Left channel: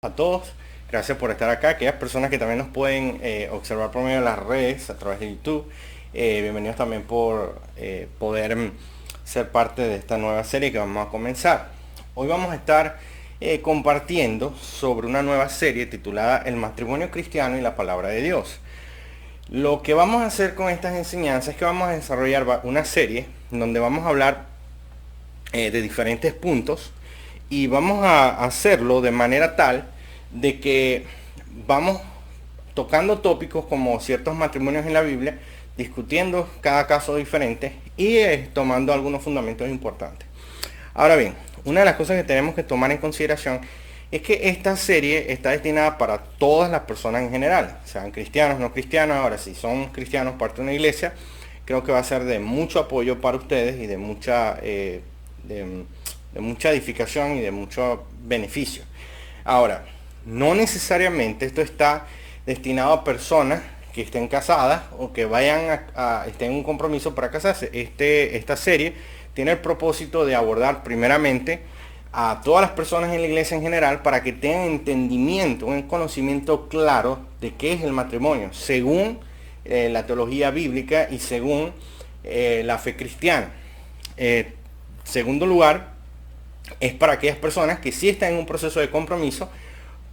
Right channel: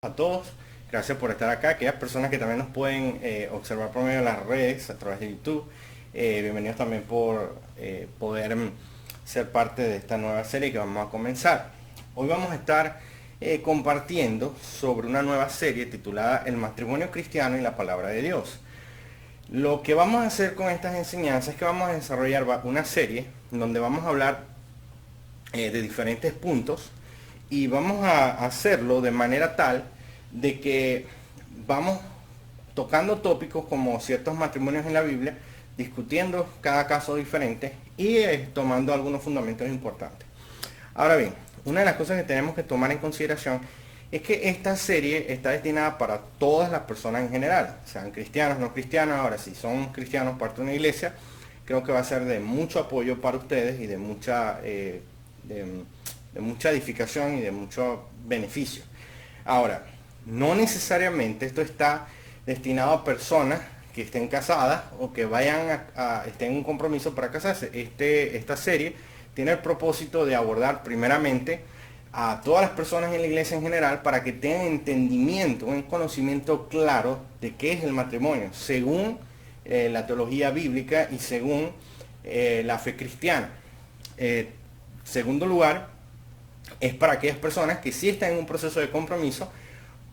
A todos, gracias por estar acá. Aquellas personas que también nos pueden observar por medio de las redes, a través de YouTube, bienvenidos también por poder ser parte de esta nueva serie que vamos a comenzar. Hoy vamos a estar compartiendo sobre una nueva serie titulada El matrimonio cristiano y la palabra de Dios. Lo que vamos a hacer con estas enseñanzas es que vamos a desarrollar una serie donde vamos a hablar de diferentes puntos y vamos a hacerlo de manera tal de que vamos tocando tópicos como ciertos matrimonios en la Biblia, discutiendo cada caso diferente y tomando algunos fundamentos importantes. Ahora bien, una de las cosas que tenemos que tomar en consideración es que esta serie está destinada para todas las personas en general, sean cristianos, no cristianos. Ahora, si son cristianos, parte de una iglesia, creo que va a ser de mucho apoyo para ustedes y de mucha edificación y de mucho beneficio. Ahora, no necesariamente esto está destinado a personas que estén casadas o que vayan estén en un compromiso para casarse. Esta serie tiene el propósito de abordar primeramente a todas las personas en la iglesia en general para que tengan entendimiento, un conocimiento claro de qué es el matrimonio, según la teología bíblica y según la fe cristiana. Segundo lugar, es para aquellas personas que sí están en un proceso de compromiso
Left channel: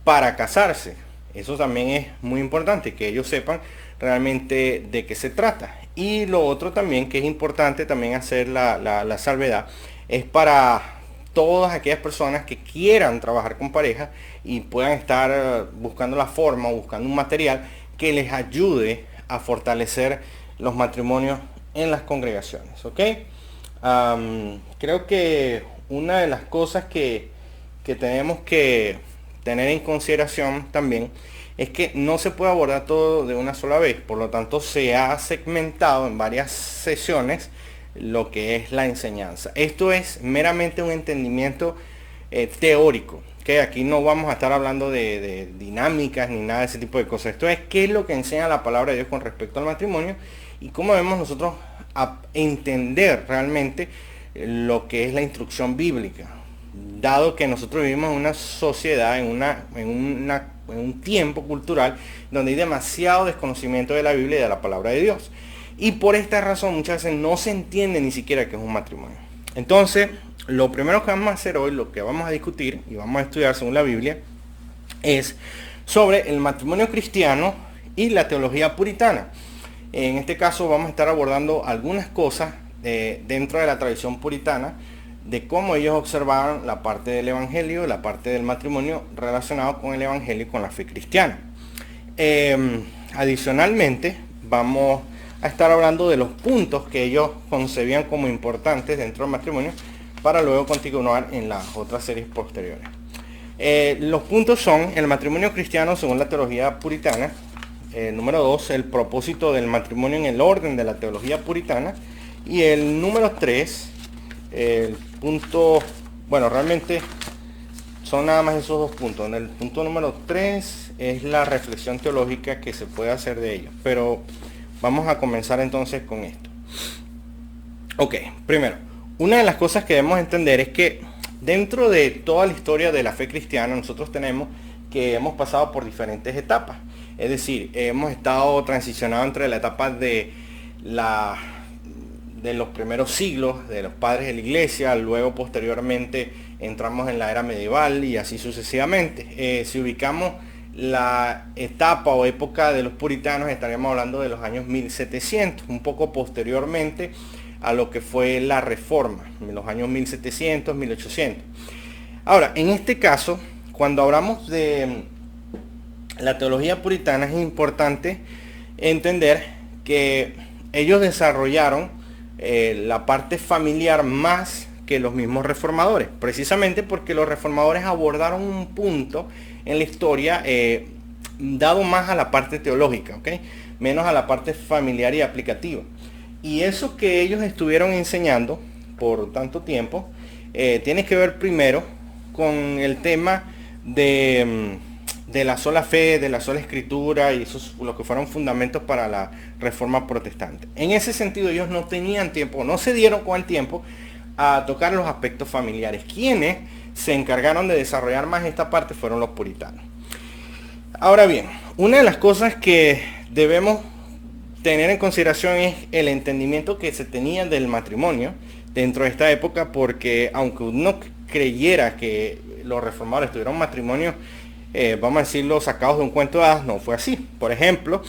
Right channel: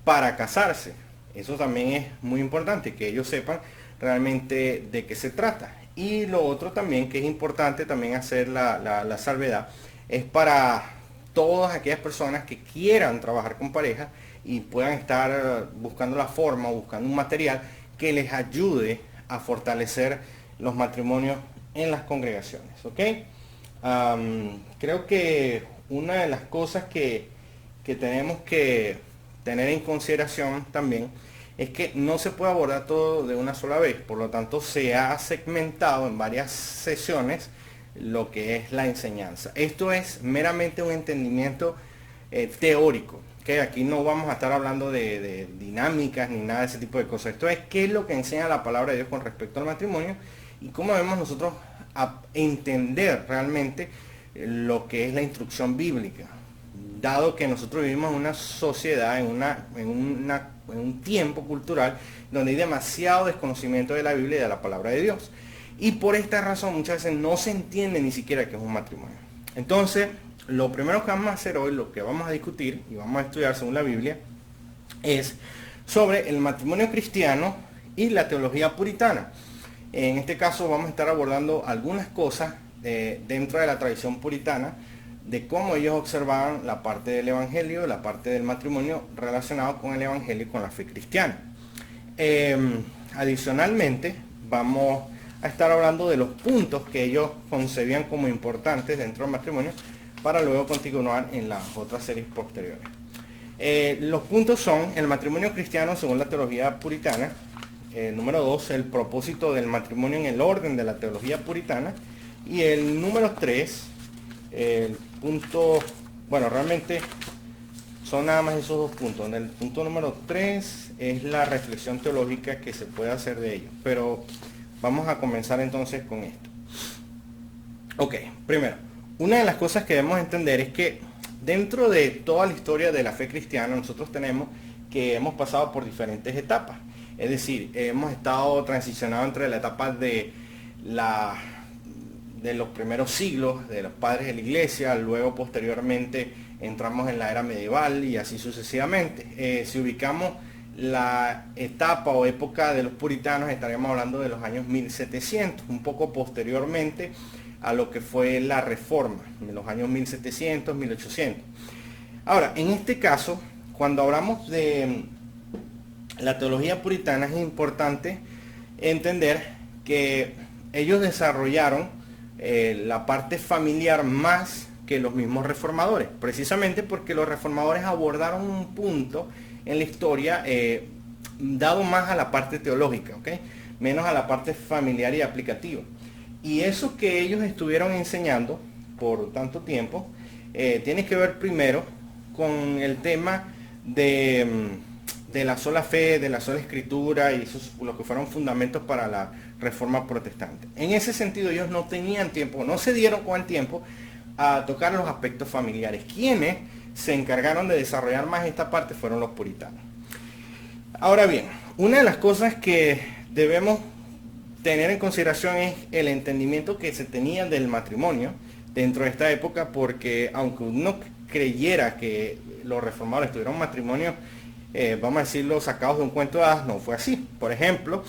para casarse. Eso también es muy importante, que ellos sepan realmente de qué se trata. Y lo otro también, que es importante también hacer la salvedad, es para todas aquellas personas que quieran trabajar con pareja y puedan estar buscando la forma o buscando un material que les ayude a fortalecer los matrimonios en las congregaciones. ¿Ok? Creo que una de las cosas que tenemos que tener en consideración también es que no se puede abordar todo de una sola vez. Por lo tanto, se ha segmentado en varias sesiones lo que es la enseñanza. Esto es meramente un entendimiento teórico, que aquí no vamos a estar hablando de dinámicas ni nada de ese tipo de cosas. Esto es qué es lo que enseña la palabra de Dios con respecto al matrimonio y cómo debemos nosotros entender realmente lo que es la instrucción bíblica, dado que nosotros vivimos en una sociedad, en un tiempo cultural donde hay demasiado desconocimiento de la Biblia y de la palabra de Dios. Y por esta razón muchas veces no se entiende ni siquiera qué es un matrimonio. Entonces, lo primero que vamos a hacer hoy, lo que vamos a discutir y vamos a estudiar según la Biblia, es sobre el matrimonio cristiano y la teología puritana. En este caso vamos a estar abordando algunas cosas dentro de la tradición puritana, de cómo ellos observaban la parte del evangelio, la parte del matrimonio relacionado con el evangelio y con la fe cristiana. Adicionalmente, vamos a estar hablando de los puntos que ellos concebían como importantes dentro del matrimonio para luego continuar en las otras series posteriores. Los puntos son el matrimonio cristiano según la teología puritana. Número 2, el propósito del matrimonio en el orden de la teología puritana. Y el número 3, el punto, bueno, realmente son nada más esos dos puntos. El punto número 3 es la reflexión teológica que se puede hacer de ello. Pero vamos a comenzar entonces con esto. Ok, primero, una de las cosas que debemos entender es que dentro de toda la historia de la fe cristiana nosotros tenemos que hemos pasado por diferentes etapas. Es decir, hemos estado transicionando entre la etapa de los primeros siglos, de los padres de la iglesia, luego posteriormente entramos en la era medieval y así sucesivamente. Si ubicamos la etapa o época de los puritanos, estaremos hablando de los años 1700, un poco posteriormente a lo que fue la reforma, en los años 1700, 1800. Ahora, en este caso, cuando hablamos de la teología puritana, es importante entender que ellos desarrollaron la parte familiar más que los mismos reformadores, precisamente porque los reformadores abordaron un punto en la historia dado más a la parte teológica, ¿okay? Menos a la parte familiar y aplicativa. Y eso que ellos estuvieron enseñando por tanto tiempo tiene que ver primero con el tema de la sola fe, de la sola escritura, y eso es lo que fueron fundamentos para la reforma protestante. En ese sentido ellos no tenían tiempo, no se dieron con el tiempo a tocar los aspectos familiares. Quienes se encargaron de desarrollar más esta parte fueron los puritanos. Ahora bien, una de las cosas que debemos tener en consideración es el entendimiento que se tenía del matrimonio dentro de esta época, porque aunque uno creyera que los reformadores tuvieron matrimonios, vamos a decirlo, sacados de un cuento de hadas, no fue así. Por ejemplo,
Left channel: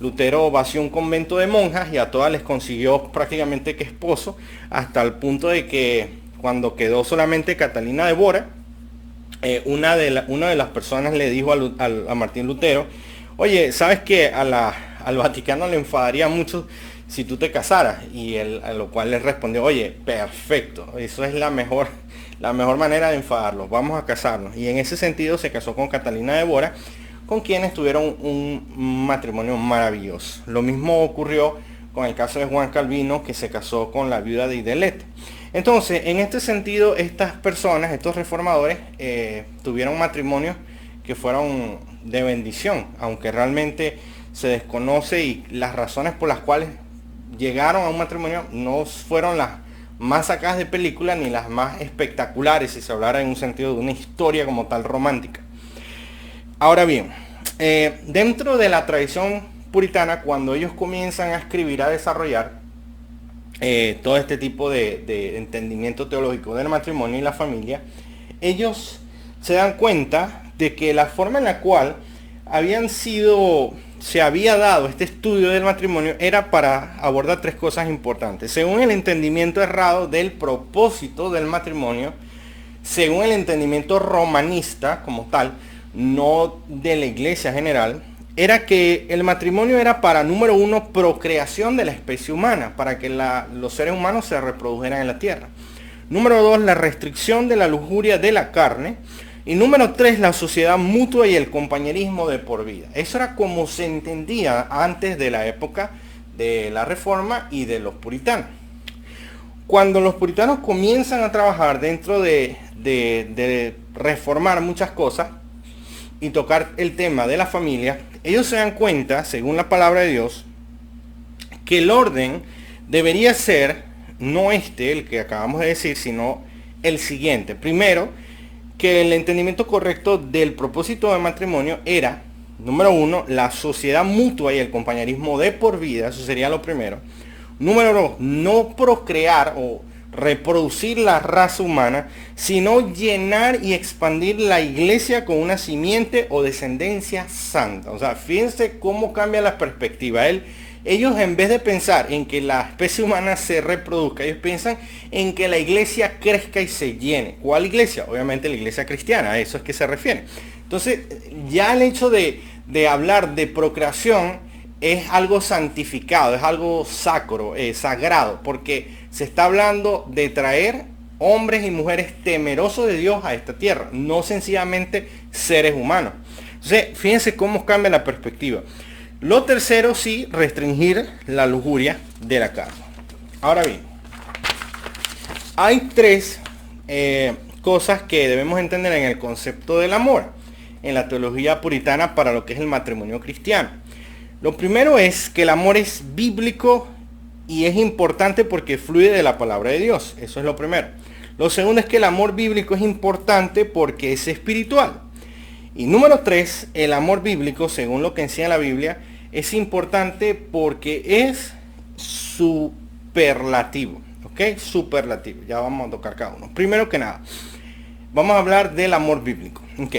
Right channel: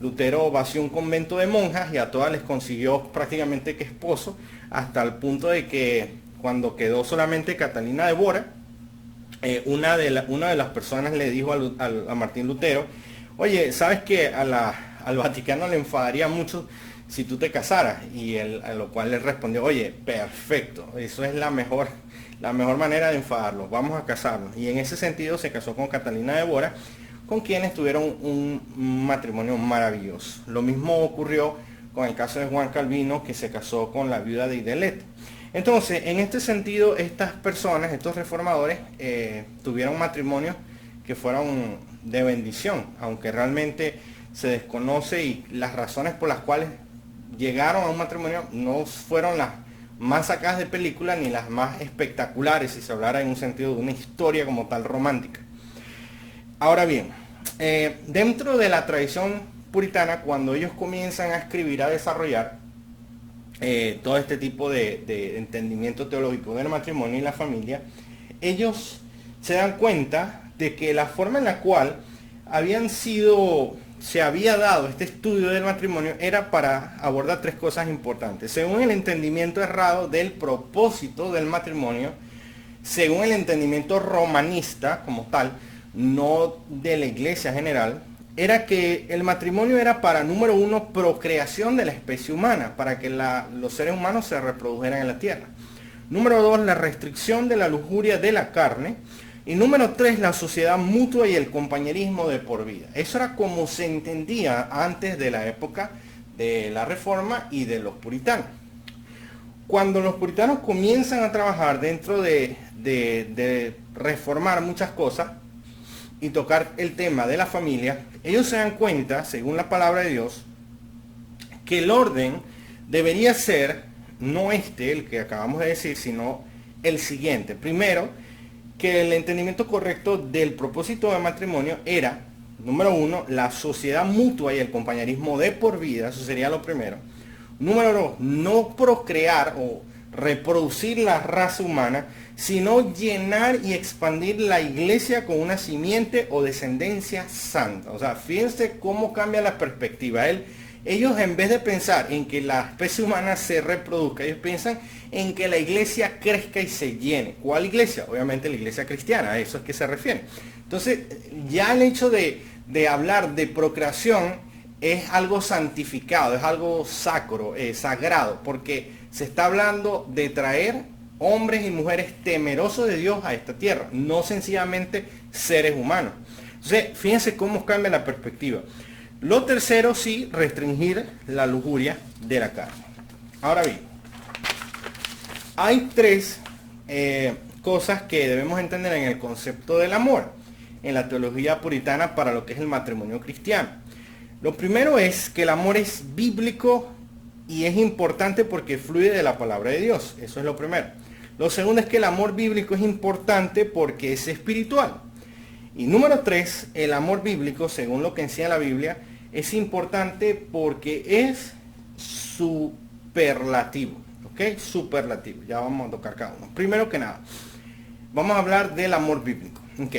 Lutero vació un convento de monjas y a todas les consiguió prácticamente que esposo, hasta el punto de que cuando quedó solamente Catalina de Bora, una de las personas le dijo a Martín Lutero, oye, ¿sabes que al Vaticano le enfadaría mucho si tú te casaras? Y él, a lo cual le respondió, oye, perfecto, eso es la mejor manera de enfadarlos, vamos a casarnos. Y en ese sentido se casó con Catalina de Bora, con quienes tuvieron un matrimonio maravilloso. Lo mismo ocurrió con el caso de Juan Calvino, que se casó con la viuda de Idelete. Entonces, en este sentido, estas personas, estos reformadores, tuvieron matrimonios que fueron de bendición, aunque realmente se desconoce y las razones por las cuales llegaron a un matrimonio no fueron las más sacadas de película ni las más espectaculares, si se hablara en un sentido de una historia como tal romántica. Ahora bien, dentro de la tradición puritana, cuando ellos comienzan a escribir, a desarrollar todo este tipo de entendimiento teológico del matrimonio y la familia, ellos se dan cuenta de que la forma en la cual se había dado este estudio del matrimonio era para abordar tres cosas importantes. Según el entendimiento errado del propósito del matrimonio, según el entendimiento romanista como tal, no de la iglesia general, era que el matrimonio era para, número uno, procreación de la especie humana, para que los seres humanos se reprodujeran en la tierra. Número dos, la restricción de la lujuria de la carne. Y número tres, la sociedad mutua y el compañerismo de por vida. Eso era como se entendía antes de la época de la Reforma y de los puritanos. Cuando los puritanos comienzan a trabajar dentro de reformar muchas cosas y tocar el tema de la familia, ellos se dan cuenta, según la palabra de Dios, que el orden debería ser no el que acabamos de decir, sino el siguiente. Primero, que el entendimiento correcto del propósito del matrimonio era, número uno, la sociedad mutua y el compañerismo de por vida, eso sería lo primero. Número dos, no procrear o reproducir la raza humana, sino llenar y expandir la iglesia con una simiente o descendencia santa. O sea, fíjense cómo cambia la perspectiva. Ellos, en vez de pensar en que la especie humana se reproduzca, ellos piensan en que la iglesia crezca y se llene. ¿Cuál iglesia? Obviamente la iglesia cristiana, a eso es que se refiere. Entonces, ya el hecho de hablar de procreación es algo santificado, es algo sacro, sagrado, porque se está hablando de traer hombres y mujeres temerosos de Dios a esta tierra, no sencillamente seres humanos. Entonces, fíjense cómo cambia la perspectiva. Lo tercero, sí, restringir la lujuria de la carne. Ahora bien, hay tres cosas que debemos entender en el concepto del amor, en la teología puritana para lo que es el matrimonio cristiano. Lo primero es que el amor es bíblico y es importante porque fluye de la palabra de Dios. Eso es lo primero. Lo segundo es que el amor bíblico es importante porque es espiritual. Y número tres, el amor bíblico, según lo que enseña la Biblia, es importante porque es superlativo. ¿Ok? Superlativo. Ya vamos a tocar cada uno. Primero que nada, vamos a hablar del amor bíblico. ¿Ok?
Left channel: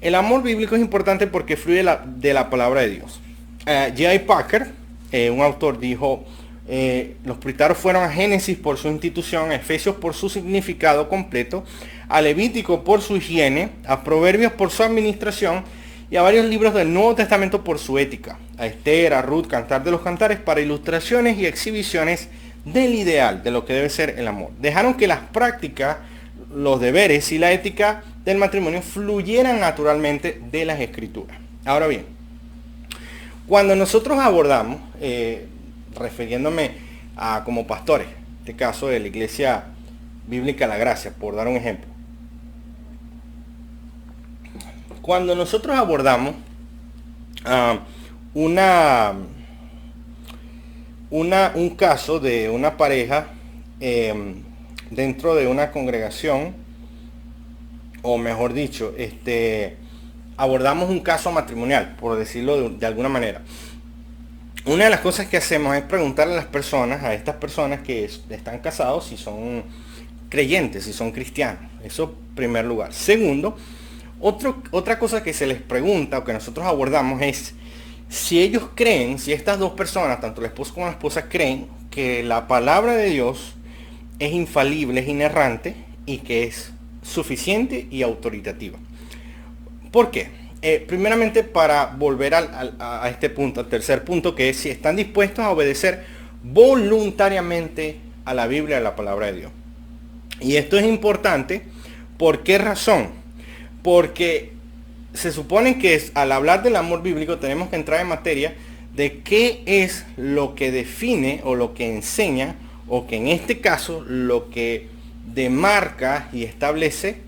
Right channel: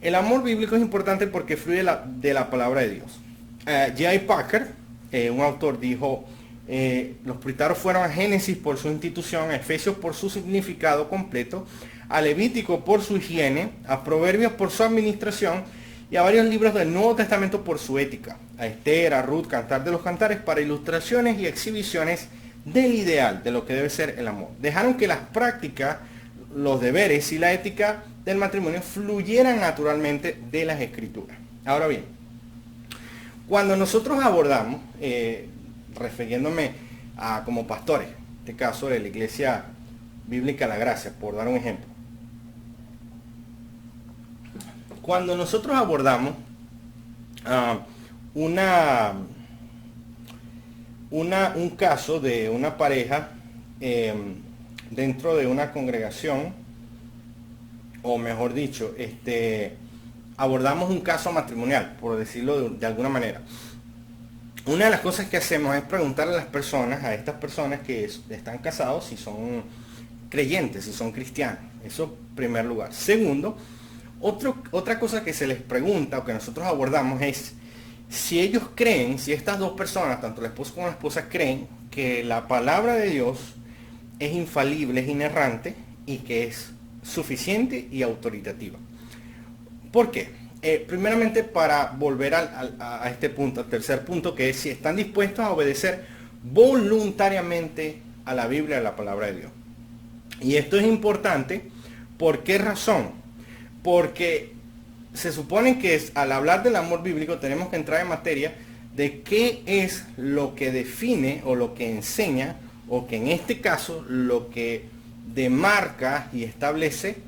El amor bíblico es importante porque fluye de la palabra de Dios. J.I. Packer, un autor, dijo, los puritanos fueron a Génesis por su institución, a Efesios por su significado completo, a Levítico por su higiene, a Proverbios por su administración y a varios libros del Nuevo Testamento por su ética, a Esther, a Ruth, Cantar de los Cantares para ilustraciones y exhibiciones del ideal, de lo que debe ser el amor. Dejaron que las prácticas, los deberes y la ética del matrimonio fluyeran naturalmente de las escrituras. Ahora bien, cuando nosotros abordamos, refiriéndome a como pastores, en este caso de la Iglesia Bíblica La Gracia, por dar un ejemplo. Cuando nosotros abordamos un caso de una pareja dentro de una congregación, o mejor dicho, abordamos un caso matrimonial, por decirlo de alguna manera. Una de las cosas que hacemos es preguntarle a las personas, a estas personas que están casados, si son creyentes, si son cristianos. Eso en primer lugar. Segundo, otra cosa que se les pregunta o que nosotros abordamos es si ellos creen, si estas dos personas, tanto el esposo como la esposa, creen que la palabra de Dios es infalible, es inerrante y que es suficiente y autoritativa. ¿Por qué? Primeramente, para volver a este punto, al tercer punto, que es si están dispuestos a obedecer voluntariamente a la Biblia, a la palabra de Dios. Y esto es importante. ¿Por qué razón? Porque se supone que al hablar del amor bíblico tenemos que entrar en materia de qué es lo que define o lo que enseña, o que en este caso lo que demarca y establece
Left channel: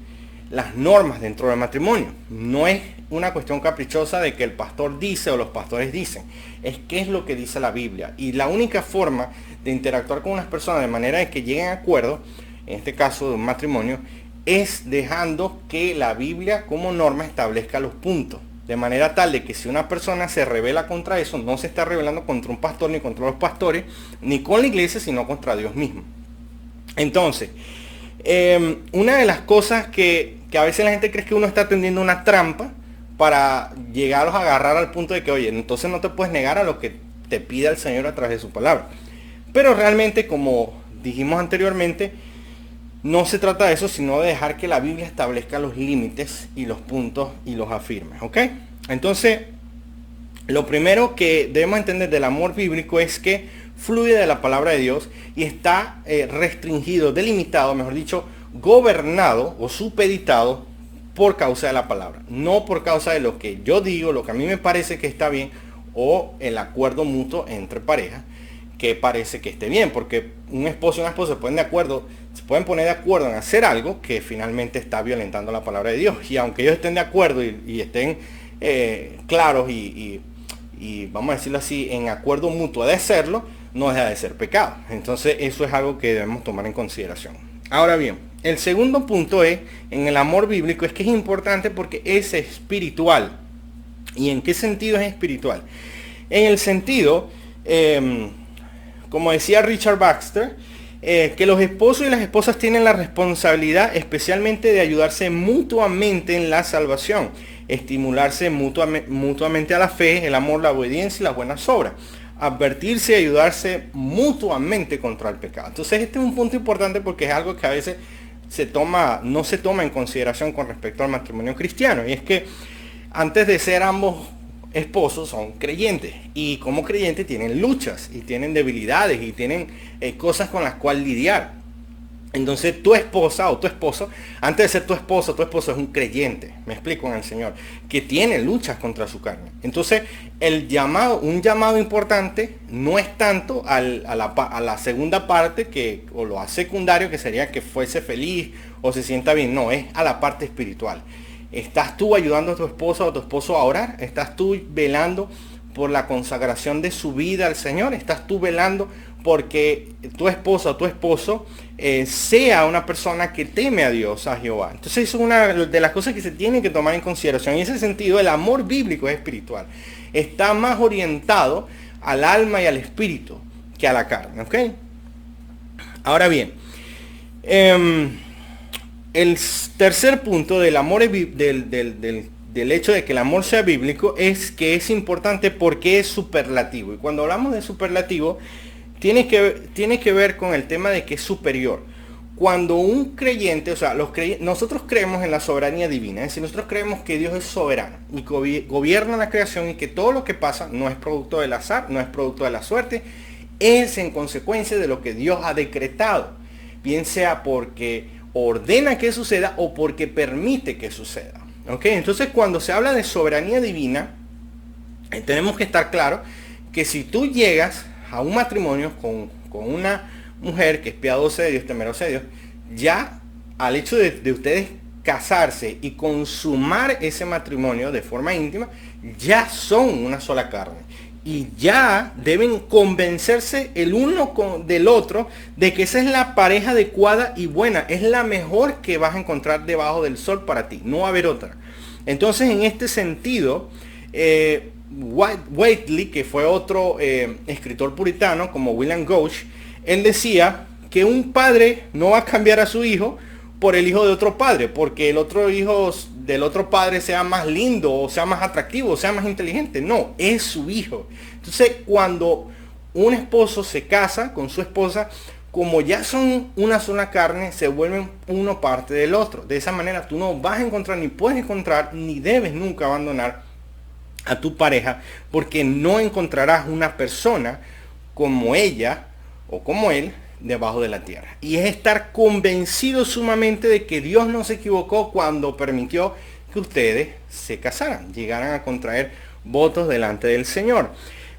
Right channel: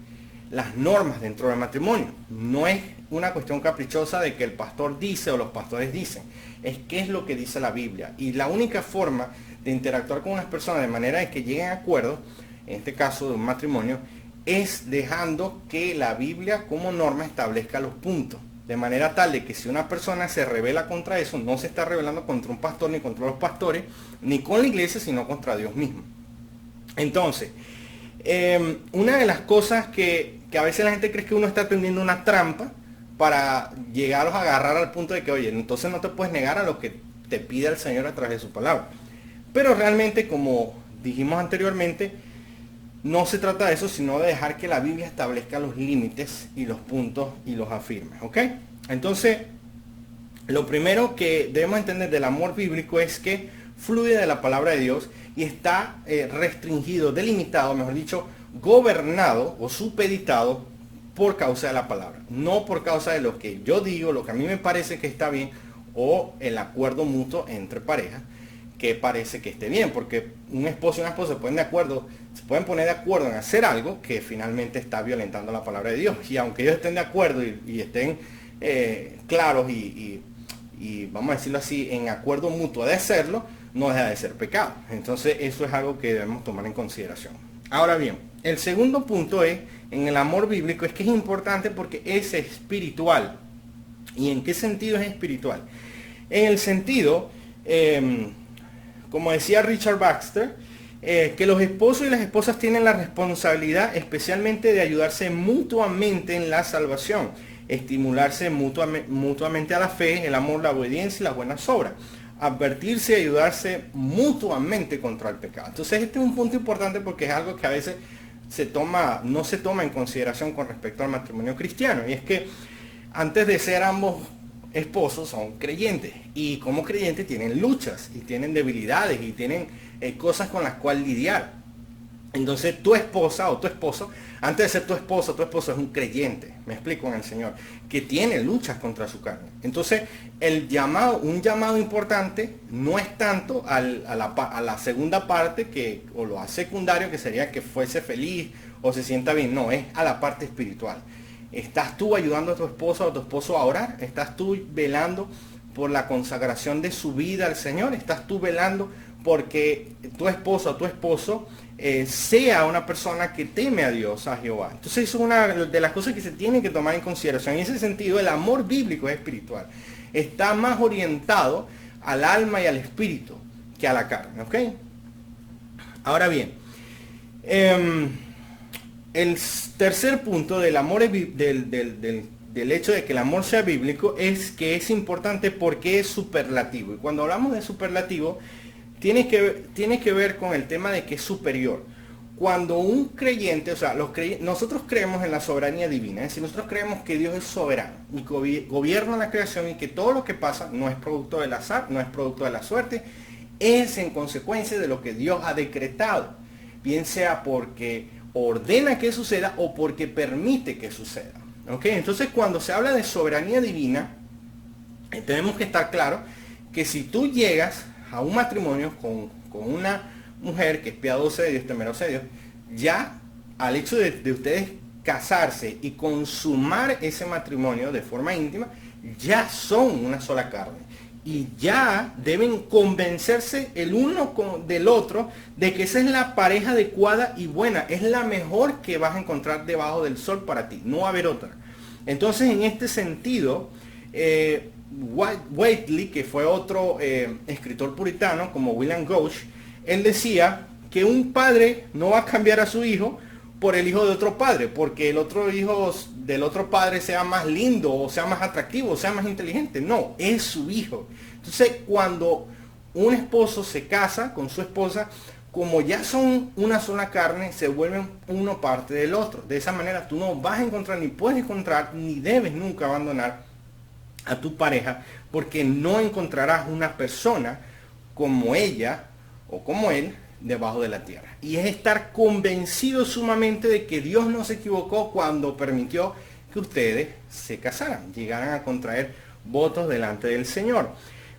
las normas dentro del matrimonio. No es una cuestión caprichosa de que el pastor dice o los pastores dicen. Es qué es lo que dice la Biblia. Y la única forma de interactuar con unas personas de manera de que lleguen a acuerdo, en este caso de un matrimonio, es dejando que la Biblia como norma establezca los puntos. De manera tal de que si una persona se rebela contra eso, no se está rebelando contra un pastor ni contra los pastores, ni con la iglesia, sino contra Dios mismo. Entonces, una de las cosas que a veces la gente cree que uno está tendiendo una trampa para llegaros a agarrar al punto de que, oye, entonces no te puedes negar a lo que te pida el Señor a través de su palabra. Pero realmente, como dijimos anteriormente, no se trata de eso, sino de dejar que la Biblia establezca los límites y los puntos y los afirme, ¿ok? Entonces, lo primero que debemos entender del amor bíblico es que fluye de la palabra de Dios y está restringido, delimitado, mejor dicho, gobernado o supeditado por causa de la palabra. No por causa de lo que yo digo, lo que a mí me parece que está bien, o el acuerdo mutuo entre parejas que parece que esté bien, porque un esposo y una esposa se pueden poner de acuerdo en hacer algo que finalmente está violentando la palabra de Dios. Y aunque ellos estén de acuerdo y estén claros y vamos a decirlo así, en acuerdo mutuo de hacerlo, no deja de ser pecado. Entonces eso es algo que debemos tomar en consideración. Ahora bien, el segundo punto en el amor bíblico es que es importante porque es espiritual. ¿Y en qué sentido es espiritual? En el sentido, como decía Richard Baxter, que los esposos y las esposas tienen la responsabilidad especialmente de ayudarse mutuamente en la salvación, estimularse mutuamente a la fe, el amor, la obediencia y las buenas obras, advertirse y ayudarse mutuamente contra el pecado. Entonces este es un punto importante porque es algo que a veces no se toma en consideración con respecto al matrimonio cristiano, y es que antes de ser ambos esposos son creyentes, y como creyentes tienen luchas y tienen debilidades y tienen cosas con las cuales lidiar. Entonces tu esposa o tu esposo, antes de ser tu esposo es un creyente, me explico, en el Señor, que tiene luchas contra su carne. Entonces un llamado importante no es tanto a la segunda parte o lo secundario, que sería que fuese feliz o se sienta bien, no, es a la parte espiritual. ¿Estás tú ayudando a tu esposa o a tu esposo a orar? ¿Estás tú velando por la consagración de su vida al Señor? ¿Estás tú velando porque tu esposa o tu esposo sea una persona que teme a Dios, a Jehová? Entonces es una de las cosas que se tienen que tomar en consideración. En ese sentido, el amor bíblico es espiritual. Está más orientado al alma y al espíritu que a la carne, ¿ok? Ahora bien, el tercer punto del amor, del hecho de que el amor sea bíblico, es que es importante porque es superlativo. Y cuando hablamos de superlativo, tiene que ver con el tema de que es superior. Cuando un creyente, o sea, nosotros creemos en la soberanía divina, es decir, nosotros creemos que Dios es soberano y gobierna la creación, y que todo lo que pasa no es producto del azar, no es producto de la suerte, es en consecuencia de lo que Dios ha decretado, bien sea porque ordena que suceda o porque permite que suceda. ¿Ok? Entonces, cuando se habla de soberanía divina, tenemos que estar claros que si tú llegas a un matrimonio con una mujer que es piadosa de Dios, temerosa de Dios, ya al hecho de ustedes casarse y consumar ese matrimonio de forma íntima, ya son una sola carne. y ya deben convencerse el uno del otro de que esa es la pareja adecuada y buena, es la mejor que vas a encontrar debajo del sol para ti, no va a haber otra. Entonces, en este sentido, Whately, que fue otro escritor puritano como William Gouge, él decía que un padre no va a cambiar a su hijo por el hijo de otro padre, porque el otro hijo del otro padre sea más lindo, o sea más atractivo, o sea más inteligente. No, es su hijo. Entonces, cuando un esposo se casa con su esposa, como ya son una sola carne, se vuelven uno parte del otro. De esa manera tú no vas a encontrar, ni puedes encontrar, ni debes nunca abandonar a tu pareja, porque no encontrarás una persona como ella o como él debajo de la tierra. Y es estar convencido sumamente de que Dios no se equivocó cuando permitió que ustedes se casaran, llegaran a contraer votos delante del Señor.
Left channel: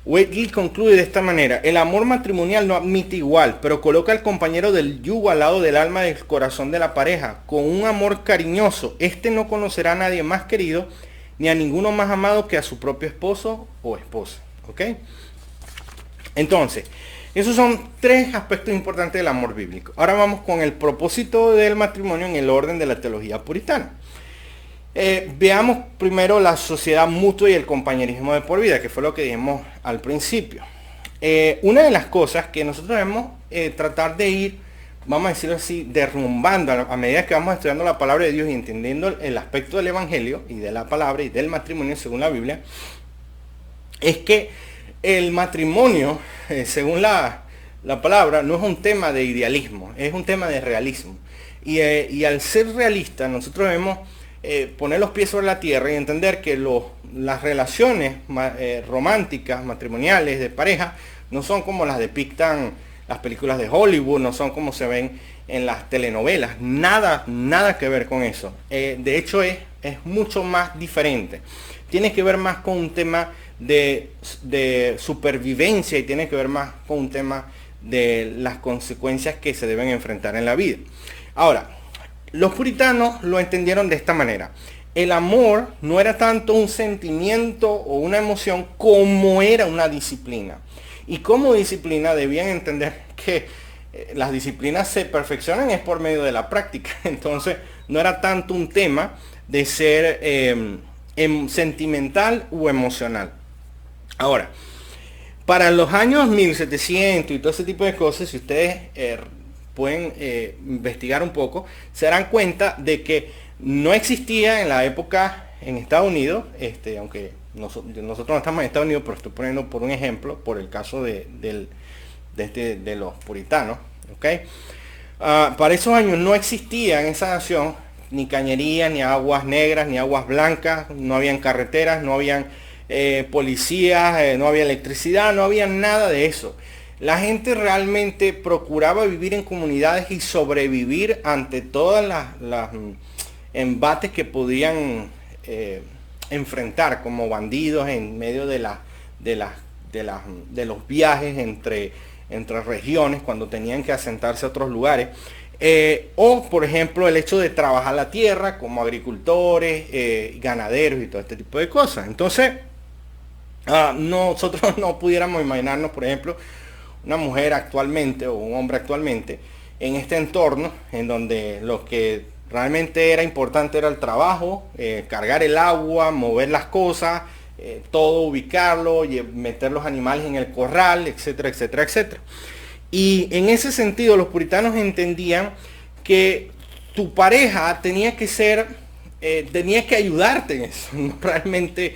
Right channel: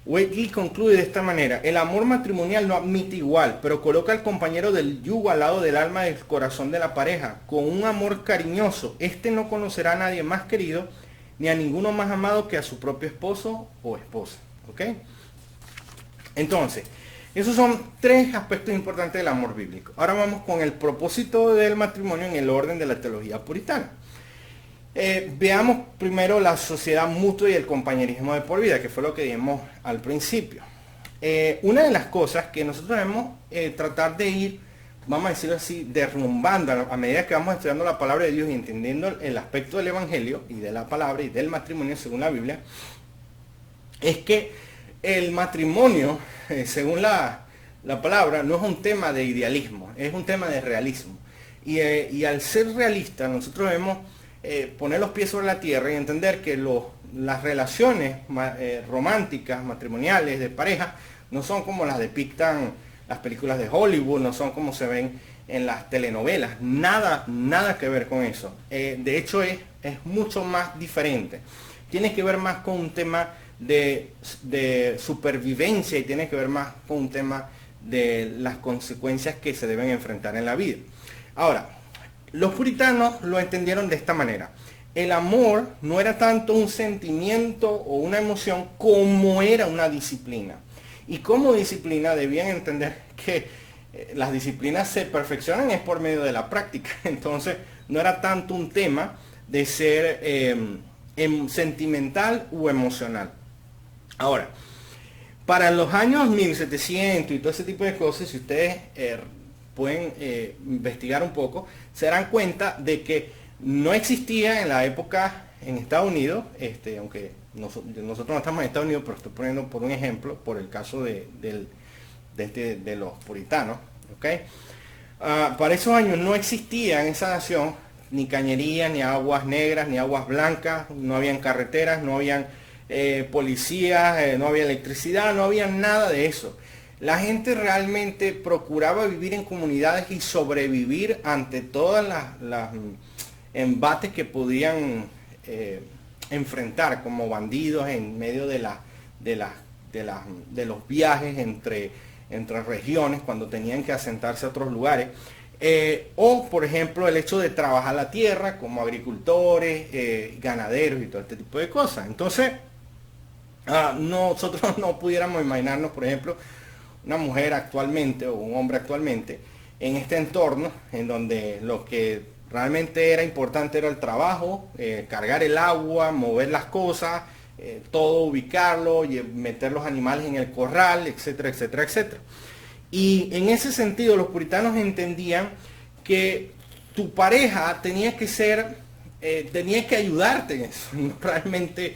Whately concluye de esta manera: el amor matrimonial no admite igual, pero coloca al compañero del yugo al lado del alma y del corazón de la pareja, con un amor cariñoso. Este no conocerá a nadie más querido, ni a ninguno más amado que a su propio esposo o esposa. ¿Ok? Entonces, esos son tres aspectos importantes del amor bíblico. Ahora vamos con el propósito del matrimonio en el orden de la teología puritana. Veamos primero la sociedad mutua y el compañerismo de por vida, que fue lo que dijimos al principio. Una de las cosas que nosotros debemos tratar de ir, vamos a decirlo así, derrumbando a medida que vamos estudiando la palabra de Dios y entendiendo el aspecto del evangelio y de la palabra y del matrimonio según la Biblia, es que el matrimonio, según la palabra, no es un tema de idealismo, es un tema de realismo. Y al ser realista, nosotros debemos poner los pies sobre la tierra y entender que las relaciones románticas, matrimoniales, de pareja, no son como las depictan las películas de Hollywood, no son como se ven en las telenovelas, nada que ver con eso. De hecho, es mucho más diferente. Tiene que ver más con un tema de supervivencia y tiene que ver más con un tema de las consecuencias que se deben enfrentar en la vida. Ahora, los puritanos lo entendieron de esta manera: el amor no era tanto un sentimiento o una emoción como era una disciplina. Y como disciplina debían entender que las disciplinas se perfeccionan es por medio de la práctica. Entonces no era tanto un tema de ser sentimental u emocional. Ahora, para los años 1700 y todo ese tipo de cosas, si ustedes pueden investigar un poco, se darán cuenta de que no existía en la época en Estados Unidos, aunque nosotros no estamos en Estados Unidos, pero estoy poniendo por un ejemplo, por el caso de los puritanos, ¿okay? Para esos años no existía en esa nación ni cañerías, ni aguas negras, ni aguas blancas, no habían carreteras, no habían policías, no había electricidad, no había nada de eso. La gente realmente procuraba vivir en comunidades y sobrevivir ante todas las embates que podían enfrentar como bandidos en medio de los viajes entre regiones cuando tenían que asentarse a otros lugares. O por ejemplo el hecho de trabajar la tierra como agricultores, ganaderos y todo este tipo de cosas. Entonces nosotros no pudiéramos imaginarnos, por ejemplo, una mujer actualmente o un hombre actualmente en este entorno en donde lo que realmente era importante era el trabajo, cargar el agua, mover las cosas, todo ubicarlo, meter los animales en el corral, etcétera, etcétera, etcétera. Y en ese sentido los puritanos entendían que tu pareja tenía que ser, tenía que ayudarte en eso, no realmente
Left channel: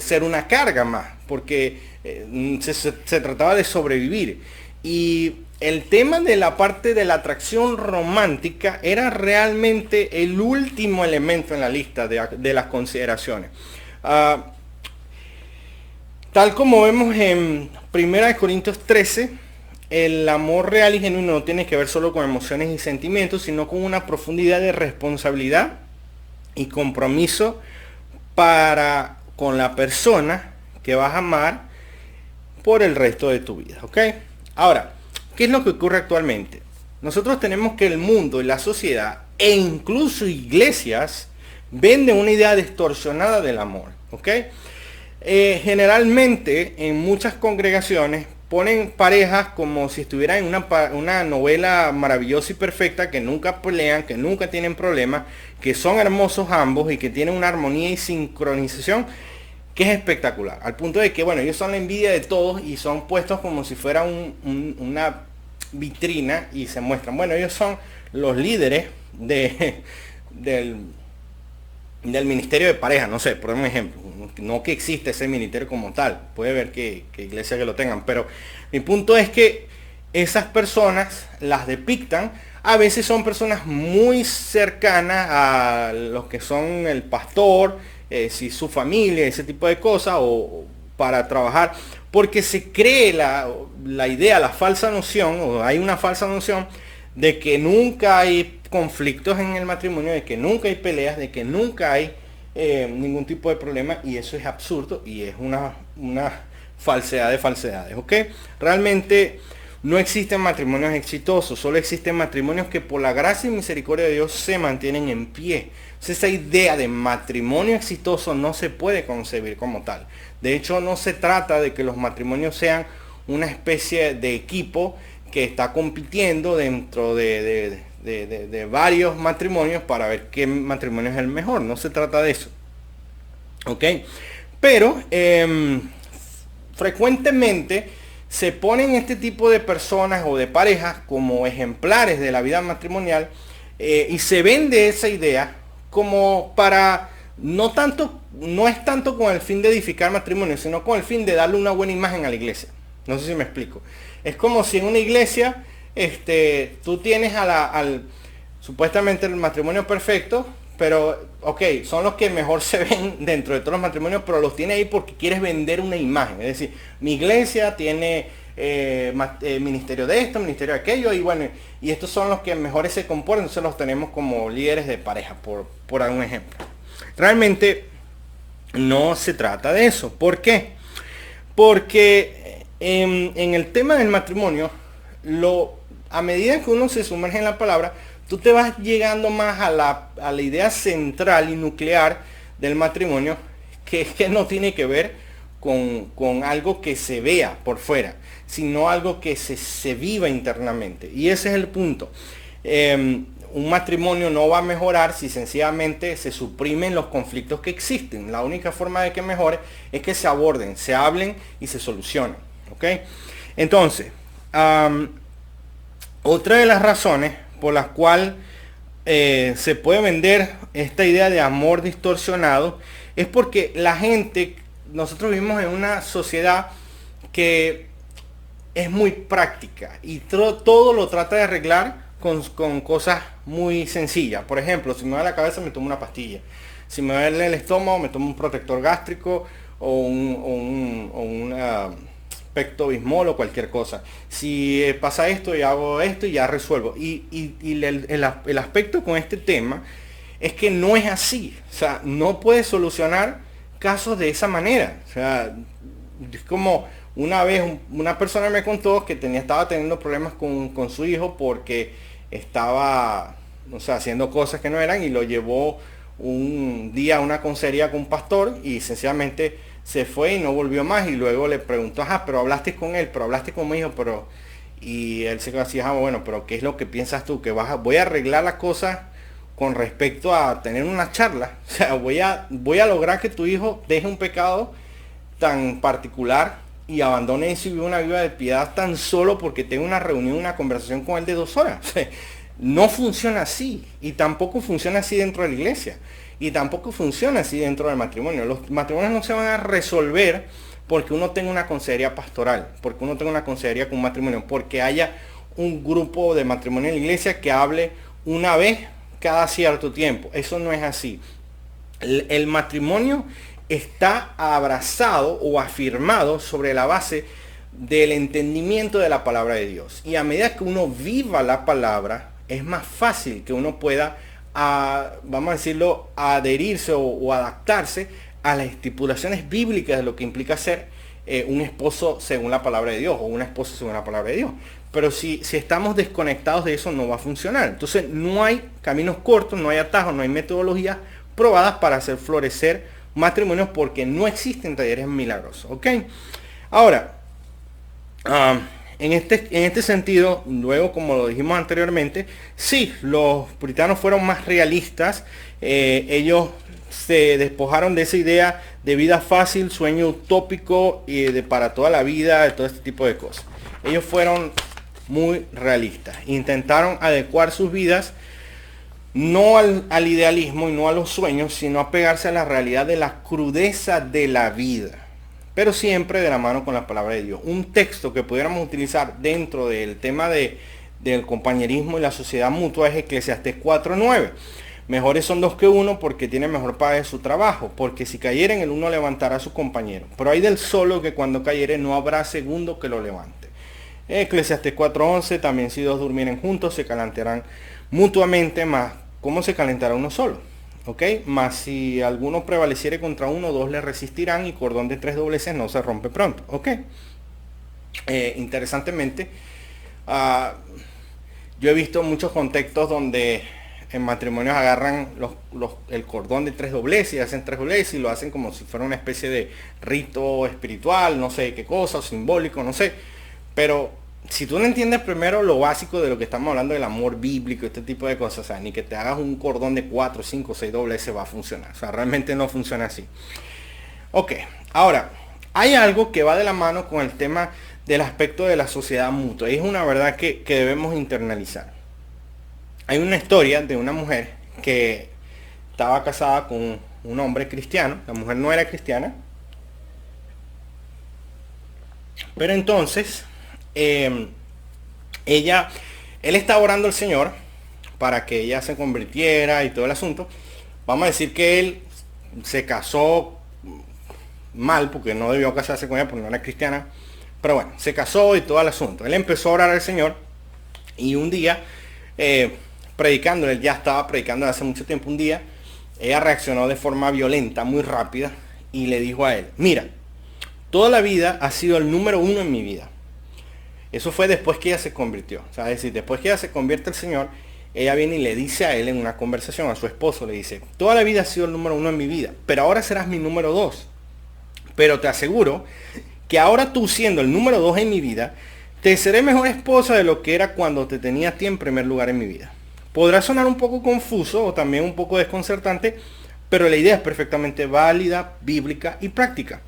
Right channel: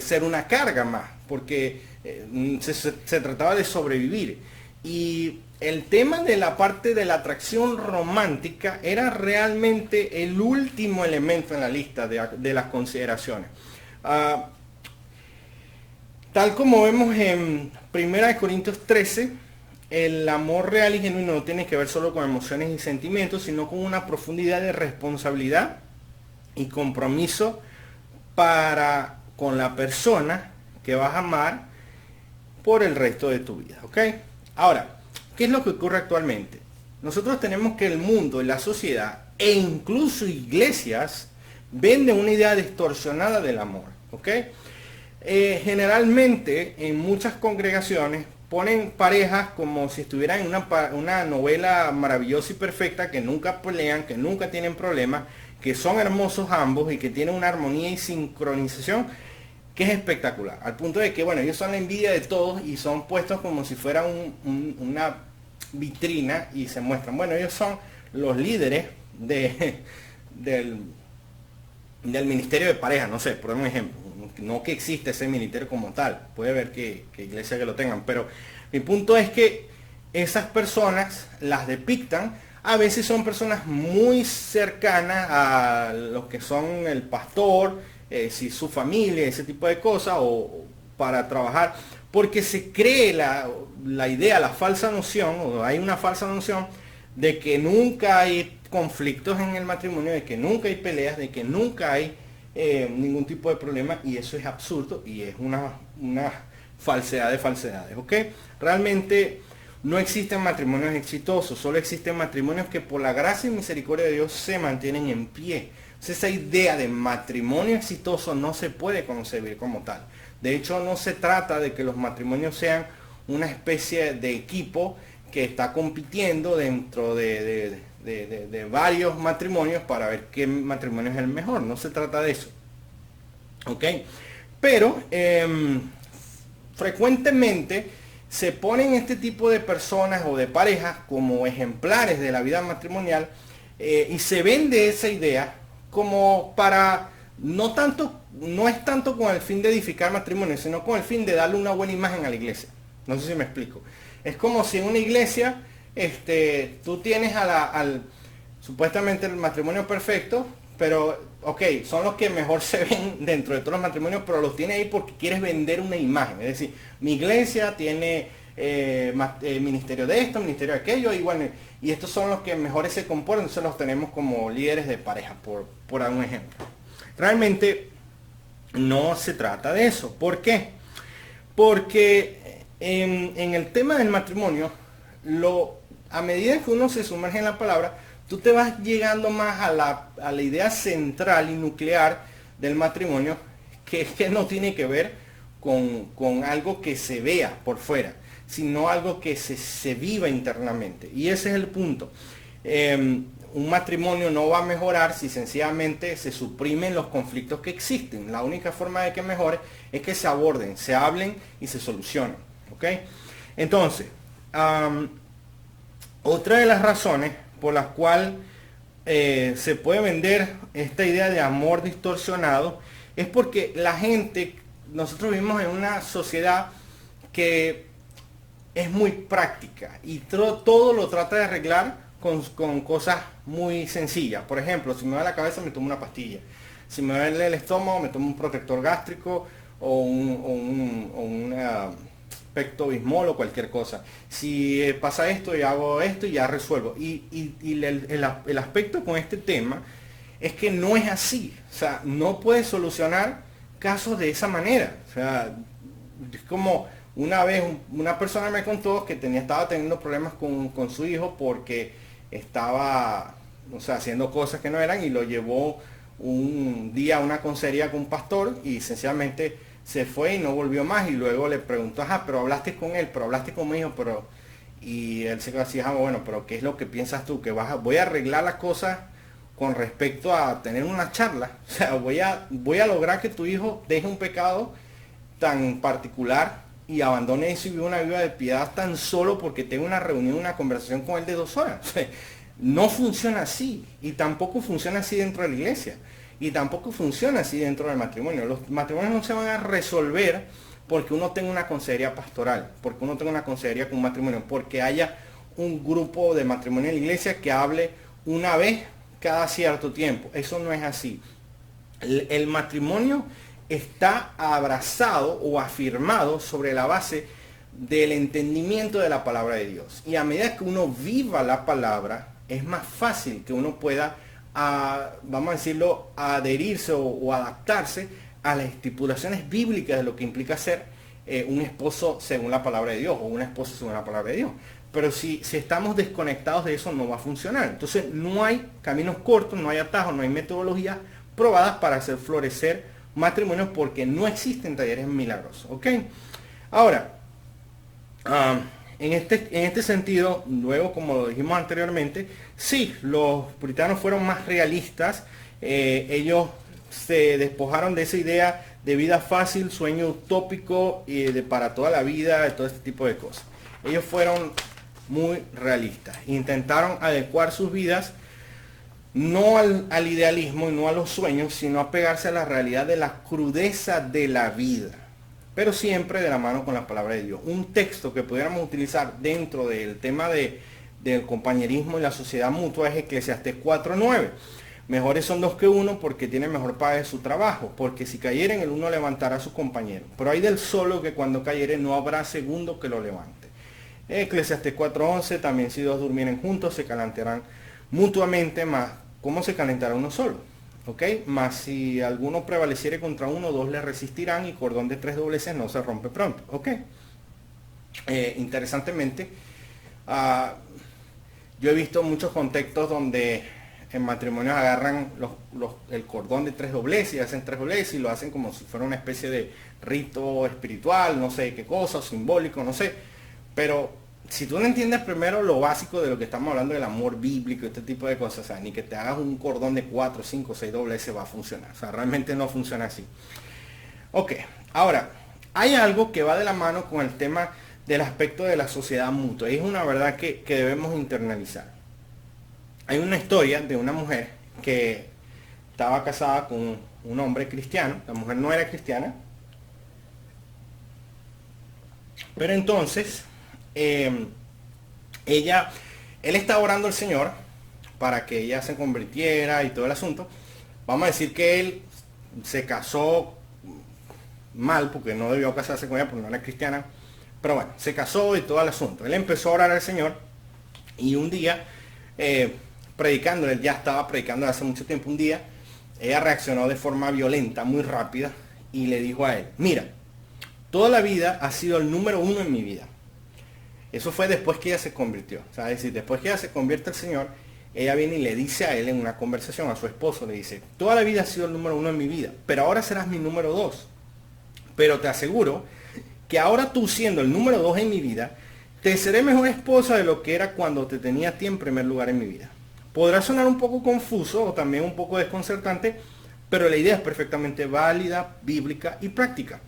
ser una carga más, porque se trataba de sobrevivir. Y el tema de la parte de la atracción romántica era realmente el último elemento en la lista de las consideraciones. Tal como vemos en 1 Corintios 13, el amor real y genuino no tiene que ver solo con emociones y sentimientos, sino con una profundidad de responsabilidad y compromiso con la persona que vas a amar por el resto de tu vida, ¿ok? Ahora, ¿qué es lo que ocurre actualmente? Nosotros tenemos que el mundo y la sociedad e incluso iglesias venden una idea distorsionada del amor, ¿ok? Generalmente en muchas congregaciones ponen parejas como si estuvieran en una novela maravillosa y perfecta, que nunca pelean, que nunca tienen problemas, que son hermosos ambos y que tienen una armonía y sincronización que es espectacular. Al punto de que, bueno, ellos son la envidia de todos y son puestos como si fuera una vitrina y se muestran. Bueno, ellos son los líderes del, del ministerio de pareja, no sé, por un ejemplo. No que existe ese ministerio como tal. Puede ver que iglesias que lo tengan. Pero mi punto es que esas personas las depictan. A veces son personas muy cercanas a los que son el pastor, si su familia, ese tipo de cosas, o para trabajar. Porque se cree la idea, la falsa noción, o hay una falsa noción de que nunca hay conflictos en el matrimonio, de que nunca hay peleas, de que nunca hay ningún tipo de problema, y eso es absurdo y es una falsedad de falsedades, ¿ok? Realmente no existen matrimonios exitosos, solo existen matrimonios que por la gracia y misericordia de Dios se mantienen en pie. Entonces, esa idea de matrimonio exitoso no se puede concebir como tal. De hecho, no se trata de que los matrimonios sean una especie de equipo que está compitiendo dentro de varios matrimonios para ver qué matrimonio es el mejor. No se trata de eso. ¿Ok? Pero frecuentemente se ponen este tipo de personas o de parejas como ejemplares de la vida matrimonial, y se vende esa idea como para no es tanto con el fin de edificar matrimonio, sino con el fin de darle una buena imagen a la iglesia. No sé si me explico. Es como si en una iglesia tú tienes supuestamente el matrimonio perfecto, pero ok, son los que mejor se ven dentro de todos los matrimonios, pero los tiene ahí porque quieres vender una imagen. Es decir, mi iglesia tiene ministerio de esto, ministerio de aquello, y bueno, y estos son los que mejores se comportan, entonces los tenemos como líderes de pareja, por un ejemplo. Realmente no se trata de eso. ¿Por qué? Porque en el tema del matrimonio, a medida que uno se sumerge en la palabra, tú te vas llegando más a la idea central y nuclear del matrimonio, que es que no tiene que ver con algo que se vea por fuera, sino algo que se viva internamente. Y ese es el punto. Un matrimonio no va a mejorar si sencillamente se suprimen los conflictos que existen. La única forma de que mejore es que se aborden, se hablen y se solucionen. ¿Ok? Entonces, otra de las razones por las cuales se puede vender esta idea de amor distorsionado es porque nosotros vivimos en una sociedad que es muy práctica y todo lo trata de arreglar con cosas muy sencillas. Por ejemplo, si me duele la cabeza, me tomo una pastilla. Si me duele el estómago, me tomo un protector gástrico o una Pecto-Bismol o cualquier cosa. Si pasa esto, y hago esto y ya resuelvo. Y el aspecto con este tema es que no es así. O sea, no puedes solucionar casos de esa manera. O sea, es como una vez una persona me contó que estaba teniendo problemas con su hijo porque estaba, o sea, haciendo cosas que no eran, y lo llevó un día a una consejería con un pastor y sencillamente se fue y no volvió más. Y luego le preguntó, pero hablaste con él, pero hablaste con mi hijo, pero... Y él se quedó así, bueno, pero ¿qué es lo que piensas tú? Que voy a arreglar las cosas con respecto a tener una charla. O sea, voy a lograr que tu hijo deje un pecado tan particular y abandone eso y viva una vida de piedad tan solo porque tengo una reunión, una conversación con él de 2 horas. O sea, no funciona así. Y tampoco funciona así dentro de la iglesia. Y tampoco funciona así dentro del matrimonio. Los matrimonios no se van a resolver porque uno tenga una consejería pastoral, porque uno tenga una consejería con un matrimonio, porque haya un grupo de matrimonio en la iglesia que hable una vez cada cierto tiempo. Eso no es así. El matrimonio está abrazado o afirmado sobre la base del entendimiento de la palabra de Dios. Y a medida que uno viva la palabra, es más fácil que uno pueda, vamos a decirlo, adherirse o adaptarse a las estipulaciones bíblicas de lo que implica ser un esposo según la palabra de Dios o una esposa según la palabra de Dios. Pero si estamos desconectados de eso, no va a funcionar. Entonces no hay caminos cortos, no hay atajos, no hay metodologías probadas para hacer florecer matrimonios porque no existen talleres milagrosos, ¿ok? Ahora, en este sentido, luego como lo dijimos anteriormente, sí, los puritanos fueron más realistas. Ellos se despojaron de esa idea de vida fácil, sueño utópico y de para toda la vida, de todo este tipo de cosas. Ellos fueron muy realistas. Intentaron adecuar sus vidas no al idealismo y no a los sueños, sino a pegarse a la realidad de la crudeza de la vida. Pero siempre de la mano con la palabra de Dios. Un texto que pudiéramos utilizar dentro del tema del compañerismo y la sociedad mutua es Eclesiastés 4:9. Mejores son dos que uno porque tiene mejor paga de su trabajo, porque si cayeren el uno levantará a su compañero. Pero hay del solo que cuando cayere no habrá segundo que lo levante. Eclesiastés 4:11, también si dos durmieren juntos se calentarán mutuamente, más ¿cómo se calentará uno solo? ¿Ok? Más si alguno prevaleciere contra uno, dos le resistirán y cordón de tres dobleces no se rompe pronto. ¿Ok? Interesantemente, yo he visto muchos contextos donde en matrimonios agarran el cordón de tres dobleces y hacen tres dobleces y lo hacen como si fuera una especie de rito espiritual, no sé qué cosa, o simbólico, no sé. Pero si tú no entiendes primero lo básico de lo que estamos hablando del amor bíblico, este tipo de cosas, o sea, ni que te hagas un cordón de 4, 5, 6 dobleces va a funcionar. O sea, realmente no funciona así. Ok, ahora, hay algo que va de la mano con el tema del aspecto de la sociedad mutua. Y es una verdad que debemos internalizar. Hay una historia de una mujer que estaba casada con un hombre cristiano. La mujer no era cristiana. Pero entonces, él estaba orando al Señor para que ella se convirtiera y todo el asunto. Vamos a decir que él se casó mal porque no debió casarse con ella porque no era cristiana. Pero bueno, se casó y todo el asunto. Él empezó a orar al Señor y un día, predicando, él ya estaba predicando hace mucho tiempo, un día, ella reaccionó de forma violenta, muy rápida, y le dijo a él, mira, toda la vida ha sido el número uno en mi vida. Eso fue después que ella se convirtió. O sea, es decir, después que ella se convierte al Señor, ella viene y le dice a él en una conversación, a su esposo, le dice, toda la vida ha sido el número uno en mi vida, pero ahora serás mi número dos. Pero te aseguro que ahora tú siendo el número dos en mi vida, te seré mejor esposa de lo que era cuando te tenía a ti en primer lugar en mi vida. Podrá sonar un poco confuso o también un poco desconcertante, pero la idea es perfectamente válida, bíblica y práctica.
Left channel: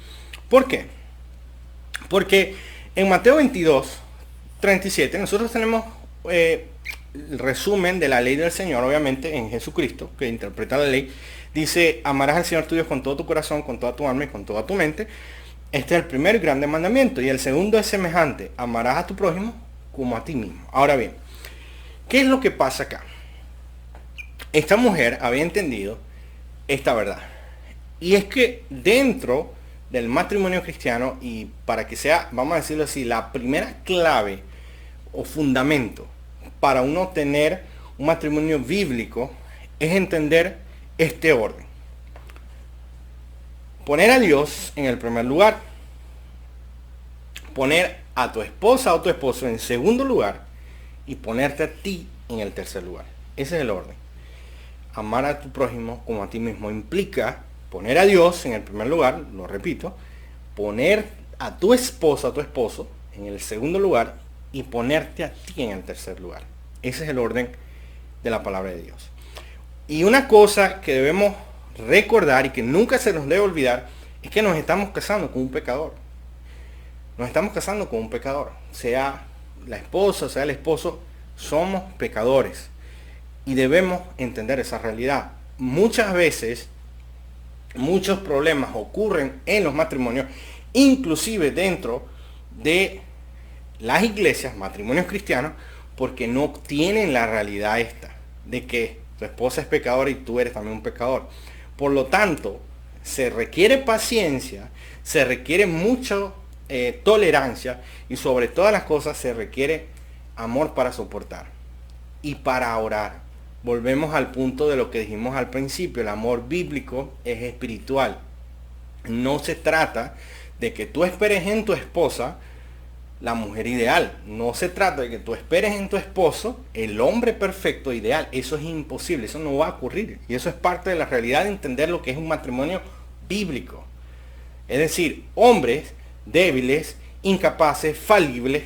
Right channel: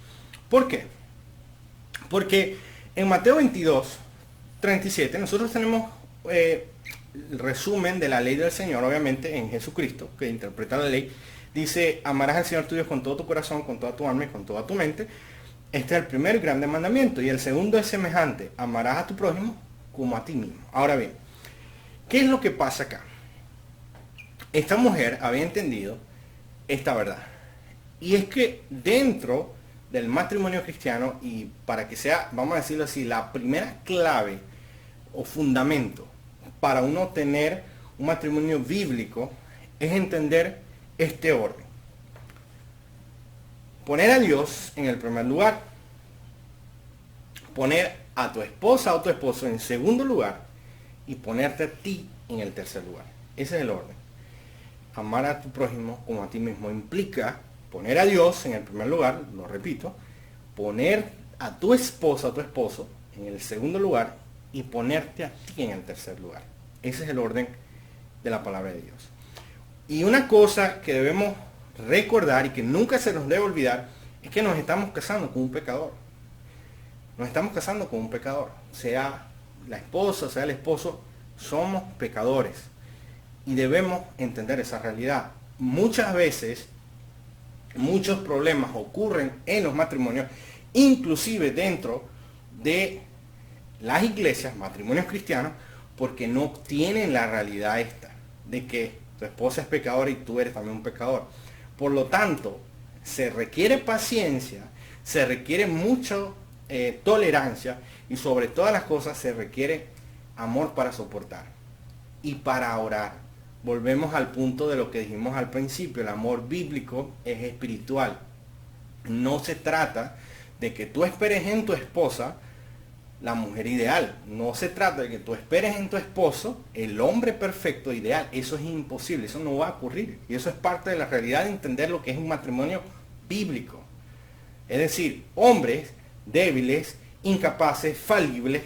¿Por qué? Porque en Mateo 22:37 nosotros tenemos el resumen de la ley del Señor, obviamente en Jesucristo, que interpreta la ley. Dice, amarás al Señor tu Dios con todo tu corazón, con toda tu alma y con toda tu mente. Este es el primer y grande mandamiento. Y el segundo es semejante, amarás a tu prójimo como a ti mismo. Ahora bien, ¿qué es lo que pasa acá? Esta mujer había entendido esta verdad. Y es que dentro del matrimonio cristiano, y para que sea, vamos a decirlo así, la primera clave o fundamento para uno tener un matrimonio bíblico es entender este orden. Poner a Dios en el primer lugar. Poner a tu esposa o tu esposo en segundo lugar. Y ponerte a ti en el tercer lugar. Ese es el orden. Amar a tu prójimo como a ti mismo implica poner a Dios en el primer lugar, lo repito, poner a tu esposa o tu esposo en el segundo lugar y ponerte a ti en el tercer lugar. Ese es el orden de la palabra de Dios. Y una cosa que debemos recordar y que nunca se nos debe olvidar es que nos estamos casando con un pecador. Nos estamos casando con un pecador. Sea la esposa, sea el esposo, somos pecadores. Y debemos entender esa realidad. Muchas veces, muchos problemas ocurren en los matrimonios, inclusive dentro de las iglesias, matrimonios cristianos, porque no tienen la realidad esta, de que tu esposa es pecadora y tú eres también un pecador. Por lo tanto, se requiere paciencia, se requiere mucha tolerancia y sobre todas las cosas se requiere amor para soportar y para orar. Volvemos al punto de lo que dijimos al principio, el amor bíblico es espiritual. No se trata de que tú esperes en tu esposa la mujer ideal. No se trata de que tú esperes en tu esposo el hombre perfecto ideal. Eso es imposible, eso no va a ocurrir. Y eso es parte de la realidad de entender lo que es un matrimonio bíblico. Es decir, hombres débiles, incapaces, falibles,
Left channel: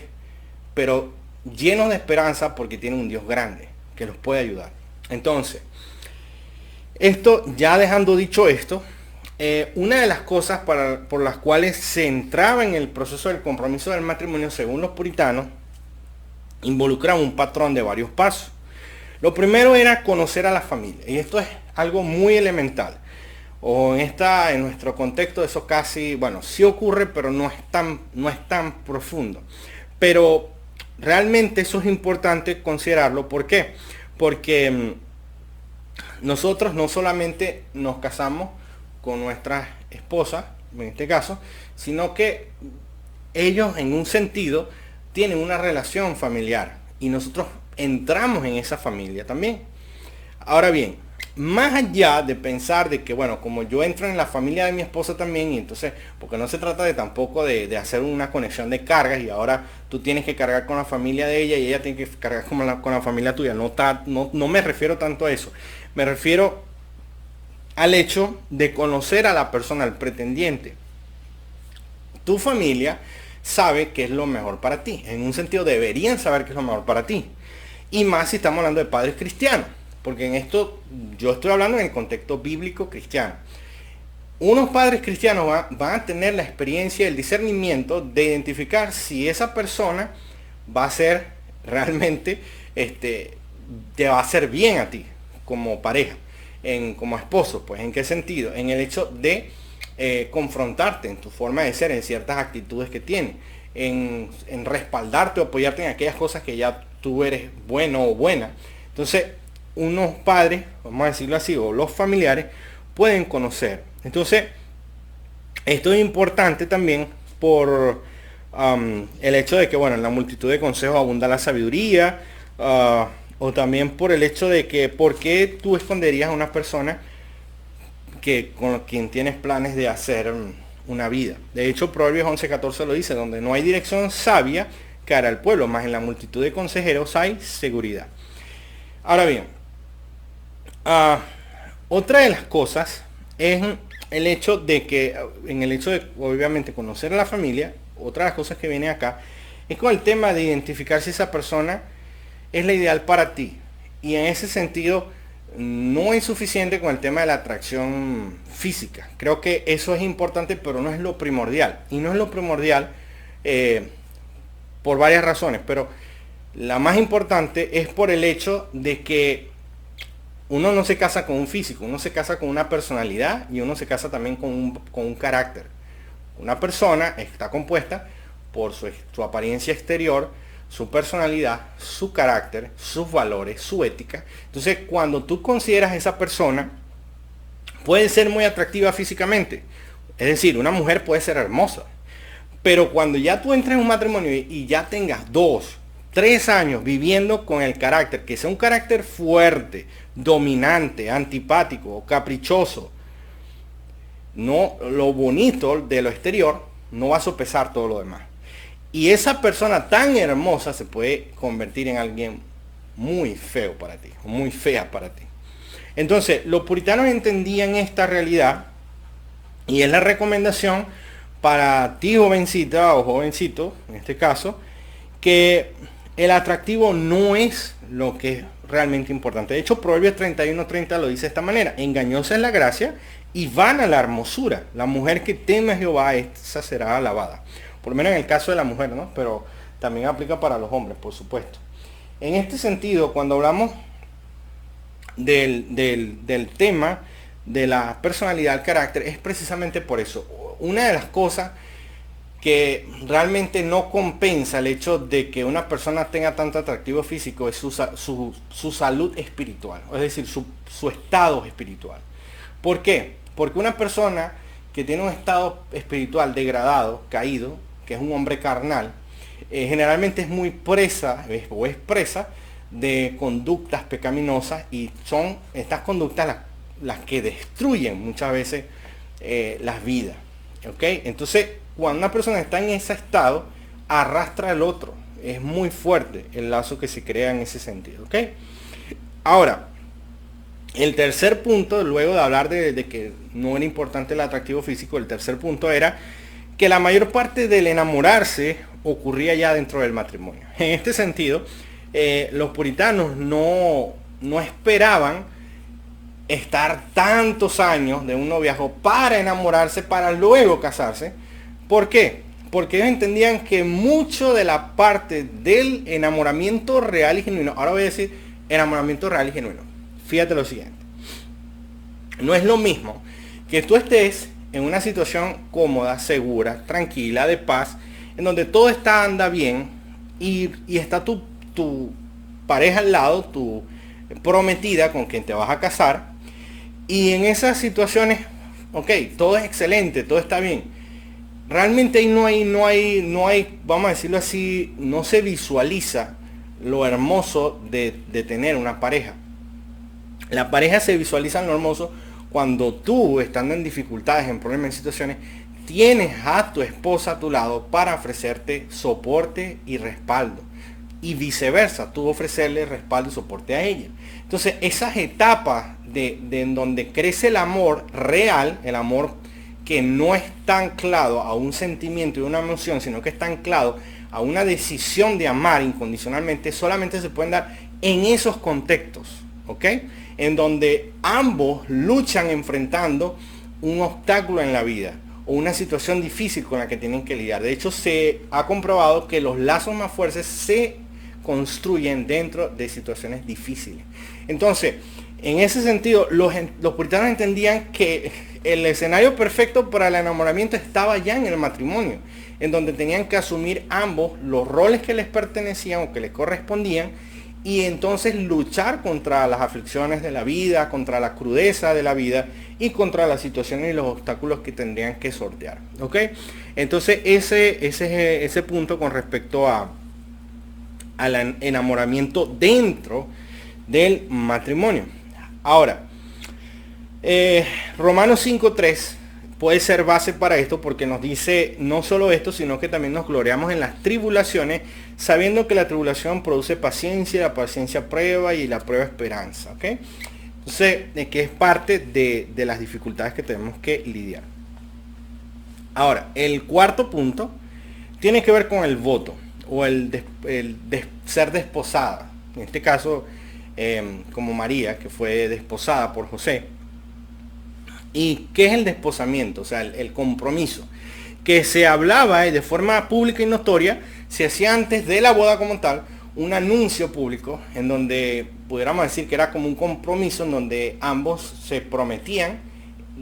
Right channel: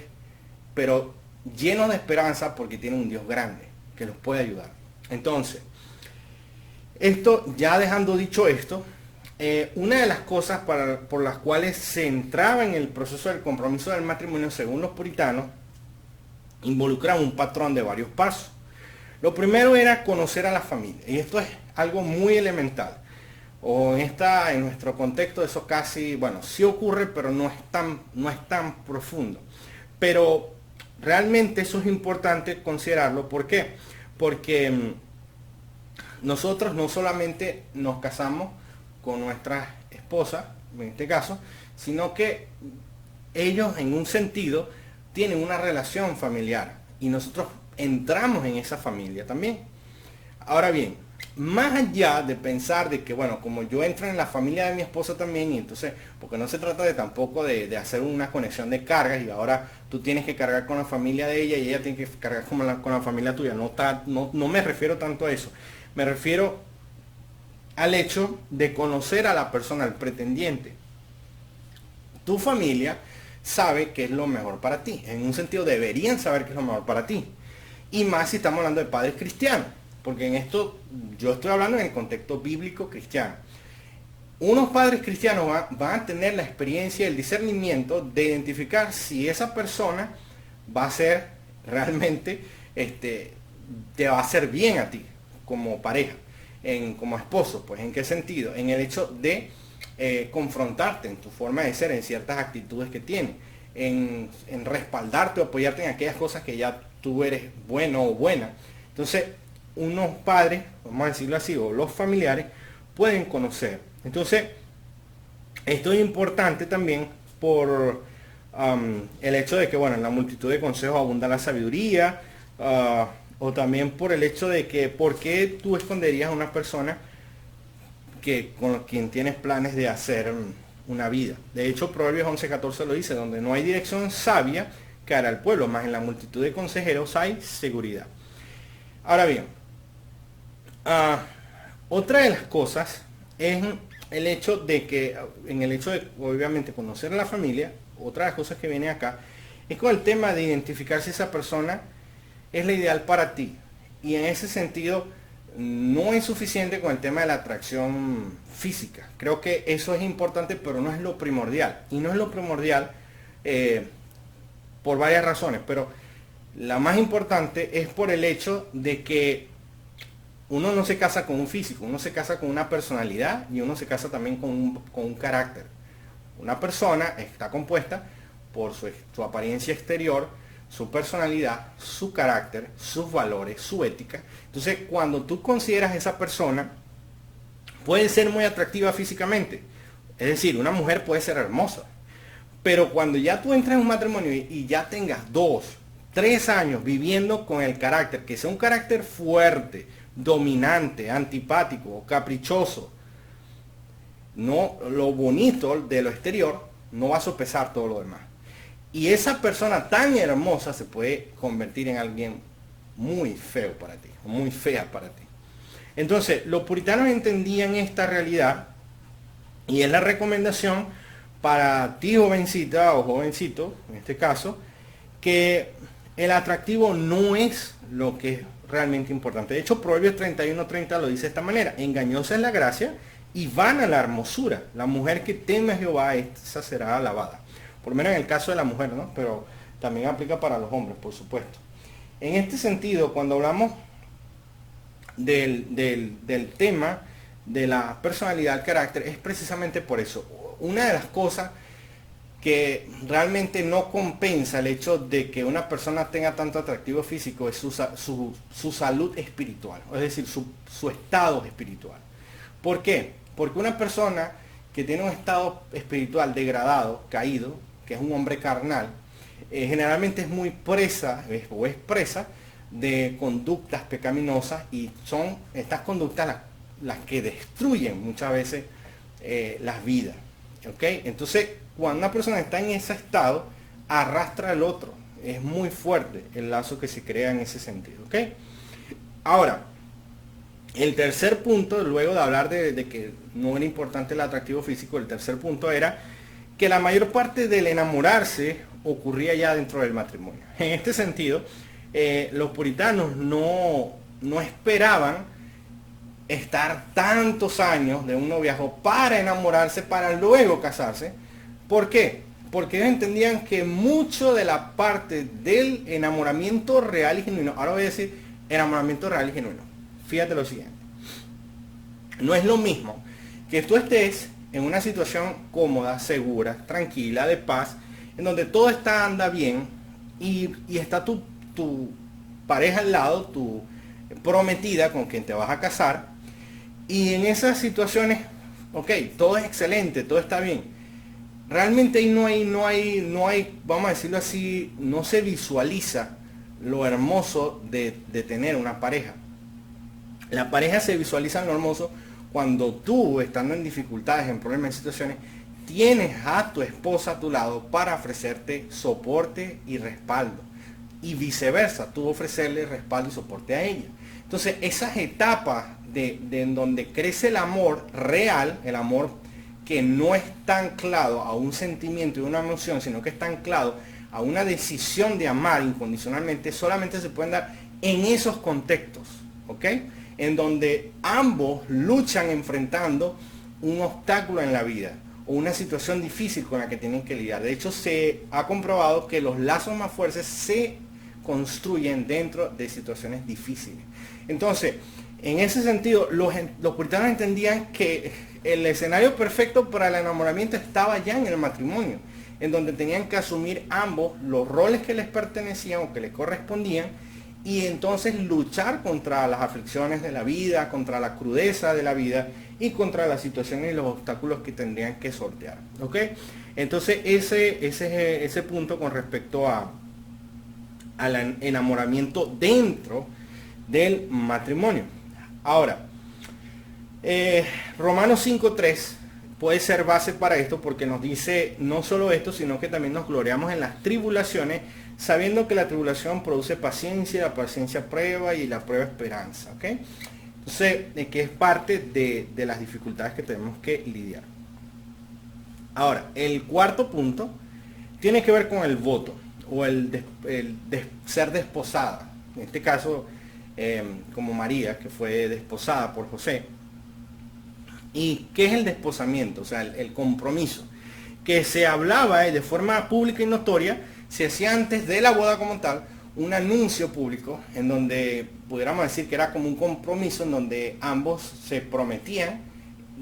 pero llenos de esperanza porque tienen un Dios grande que los puede ayudar. Entonces, esto, ya dejando dicho esto, una de las cosas por las cuales se entraba en el proceso del compromiso del matrimonio, según los puritanos, involucraba un patrón de varios pasos. Lo primero era conocer a la familia, y esto es algo muy elemental. O en nuestro contexto eso casi, bueno, sí ocurre, pero no es tan profundo. Pero realmente eso es importante considerarlo. ¿Por qué? Porque nosotros no solamente nos casamos con nuestra esposa, en este caso, sino que ellos en un sentido tienen una relación familiar y nosotros entramos en esa familia también. Ahora bien, más allá de pensar de que, bueno, como yo entro en la familia de mi esposa también, y entonces, porque no se trata de tampoco de hacer una conexión de cargas y ahora tú tienes que cargar con la familia de ella y ella tiene que cargar con la familia tuya. No me refiero tanto a eso. Me refiero al hecho de conocer a la persona, al pretendiente. Tu familia sabe qué es lo mejor para ti. En un sentido deberían saber qué es lo mejor para ti. Y más si estamos hablando de padres cristianos. Porque en esto yo estoy hablando en el contexto bíblico cristiano. Unos padres cristianos van a tener la experiencia, el discernimiento de identificar si esa persona va a ser realmente, te va a hacer bien a ti como pareja, como esposo. Pues ¿en qué sentido? En el hecho de confrontarte en tu forma de ser, en ciertas actitudes que tiene, en respaldarte o apoyarte en aquellas cosas que ya tú eres bueno o buena. Entonces, unos padres, vamos a decirlo así, o los familiares, pueden conocer. Entonces, esto es importante también por el hecho de que, bueno, en la multitud de consejos abunda la sabiduría, o también por el hecho de que, ¿por qué tú esconderías a una persona con quien tienes planes de hacer una vida? De hecho, Proverbios 11:14 lo dice, donde no hay dirección sabia, cara al pueblo, más en la multitud de consejeros hay seguridad. Ahora bien, otra de las cosas es el hecho de que, en el hecho de obviamente conocer a la familia, otra de las cosas que viene acá, es con el tema de identificar si esa persona es la ideal para ti. Y en ese sentido, no es suficiente con el tema de la atracción física. Creo que eso es importante, pero no es lo primordial. Y no es lo primordial por varias razones, pero la más importante es por el hecho de que uno no se casa con un físico, uno se casa con una personalidad y uno se casa también con un carácter. Una persona está compuesta por su apariencia exterior, su personalidad, su carácter, sus valores, su ética. Entonces, cuando tú consideras a esa persona, puede ser muy atractiva físicamente. Es decir, una mujer puede ser hermosa. Pero cuando ya tú entres en un matrimonio y ya tengas 2, 3 años viviendo con el carácter, que sea un carácter fuerte, dominante, antipático, caprichoso, no, lo bonito de lo exterior no va a sopesar todo lo demás. Y esa persona tan hermosa se puede convertir en alguien muy feo para ti, muy fea para ti. Entonces, los puritanos entendían esta realidad y es la recomendación para ti, jovencita o jovencito, en este caso, que el atractivo no es lo que es realmente importante. De hecho, Proverbios 31:30 lo dice de esta manera: engañosa es la gracia y vana la hermosura. La mujer que teme a Jehová, esa será alabada. Por lo menos en el caso de la mujer, ¿no? Pero también aplica para los hombres, por supuesto. En este sentido, cuando hablamos del tema de la personalidad, el carácter, es precisamente por eso. Una de las cosas que realmente no compensa el hecho de que una persona tenga tanto atractivo físico es su salud espiritual, es decir, su estado espiritual. ¿Por qué? Porque una persona que tiene un estado espiritual degradado, caído, que es un hombre carnal, generalmente es muy presa de conductas pecaminosas, y son estas conductas las que destruyen muchas veces las vidas. ¿Ok? Entonces, cuando una persona está en ese estado, arrastra al otro. Es muy fuerte el lazo que se crea en ese sentido. ¿Ok? Ahora, El tercer punto, luego de hablar de que no era importante el atractivo físico, el tercer punto era que la mayor parte del enamorarse ocurría ya dentro del matrimonio. En este sentido, los puritanos no esperaban estar tantos años de un noviazgo para enamorarse, para luego casarse. ¿Por qué? Porque ellos entendían que mucho de la parte del enamoramiento real y genuino, ahora voy a decir enamoramiento real y genuino. Fíjate lo siguiente. No es lo mismo que tú estés en una situación cómoda, segura, tranquila, de paz, en donde todo anda bien y está tu pareja al lado, tu prometida con quien te vas a casar, y en esas situaciones, ok, todo es excelente, todo está bien. Realmente ahí no hay, vamos a decirlo así, no se visualiza lo hermoso de tener una pareja. La pareja se visualiza lo hermoso cuando tú, estando en dificultades, en problemas, en situaciones, tienes a tu esposa a tu lado para ofrecerte soporte y respaldo. Y viceversa, tú ofrecerle respaldo y soporte a ella. Entonces, esas etapas en donde crece el amor real, el amor que no está anclado a un sentimiento y una emoción, sino que está anclado a una decisión de amar incondicionalmente, solamente se pueden dar en esos contextos, ¿ok? En donde ambos luchan enfrentando un obstáculo en la vida o una situación difícil con la que tienen que lidiar. De hecho, se ha comprobado que los lazos más fuertes se construyen dentro de situaciones difíciles. Entonces, en ese sentido, los puritanos entendían que el escenario perfecto para el enamoramiento estaba ya en el matrimonio, en donde tenían que asumir ambos los roles que les pertenecían o que les correspondían, y entonces luchar contra las aflicciones de la vida, contra la crudeza de la vida y contra las situaciones y los obstáculos que tendrían que sortear. ¿Ok? Entonces ese punto con respecto al enamoramiento dentro del matrimonio. Ahora, Romanos 5:3 puede ser base para esto, porque nos dice no solo esto, sino que también nos gloriamos en las tribulaciones, sabiendo que la tribulación produce paciencia, la paciencia prueba y la prueba esperanza. ¿Ok? Entonces, que es parte de las dificultades que tenemos que lidiar. Ahora, el cuarto punto tiene que ver con el voto o ser desposada. En este caso, como María, que fue desposada por José. ¿Y qué es el desposamiento? O sea, el compromiso. Que se hablaba de forma pública y notoria, se hacía antes de la boda como tal, un anuncio público en donde pudiéramos decir que era como un compromiso en donde ambos se prometían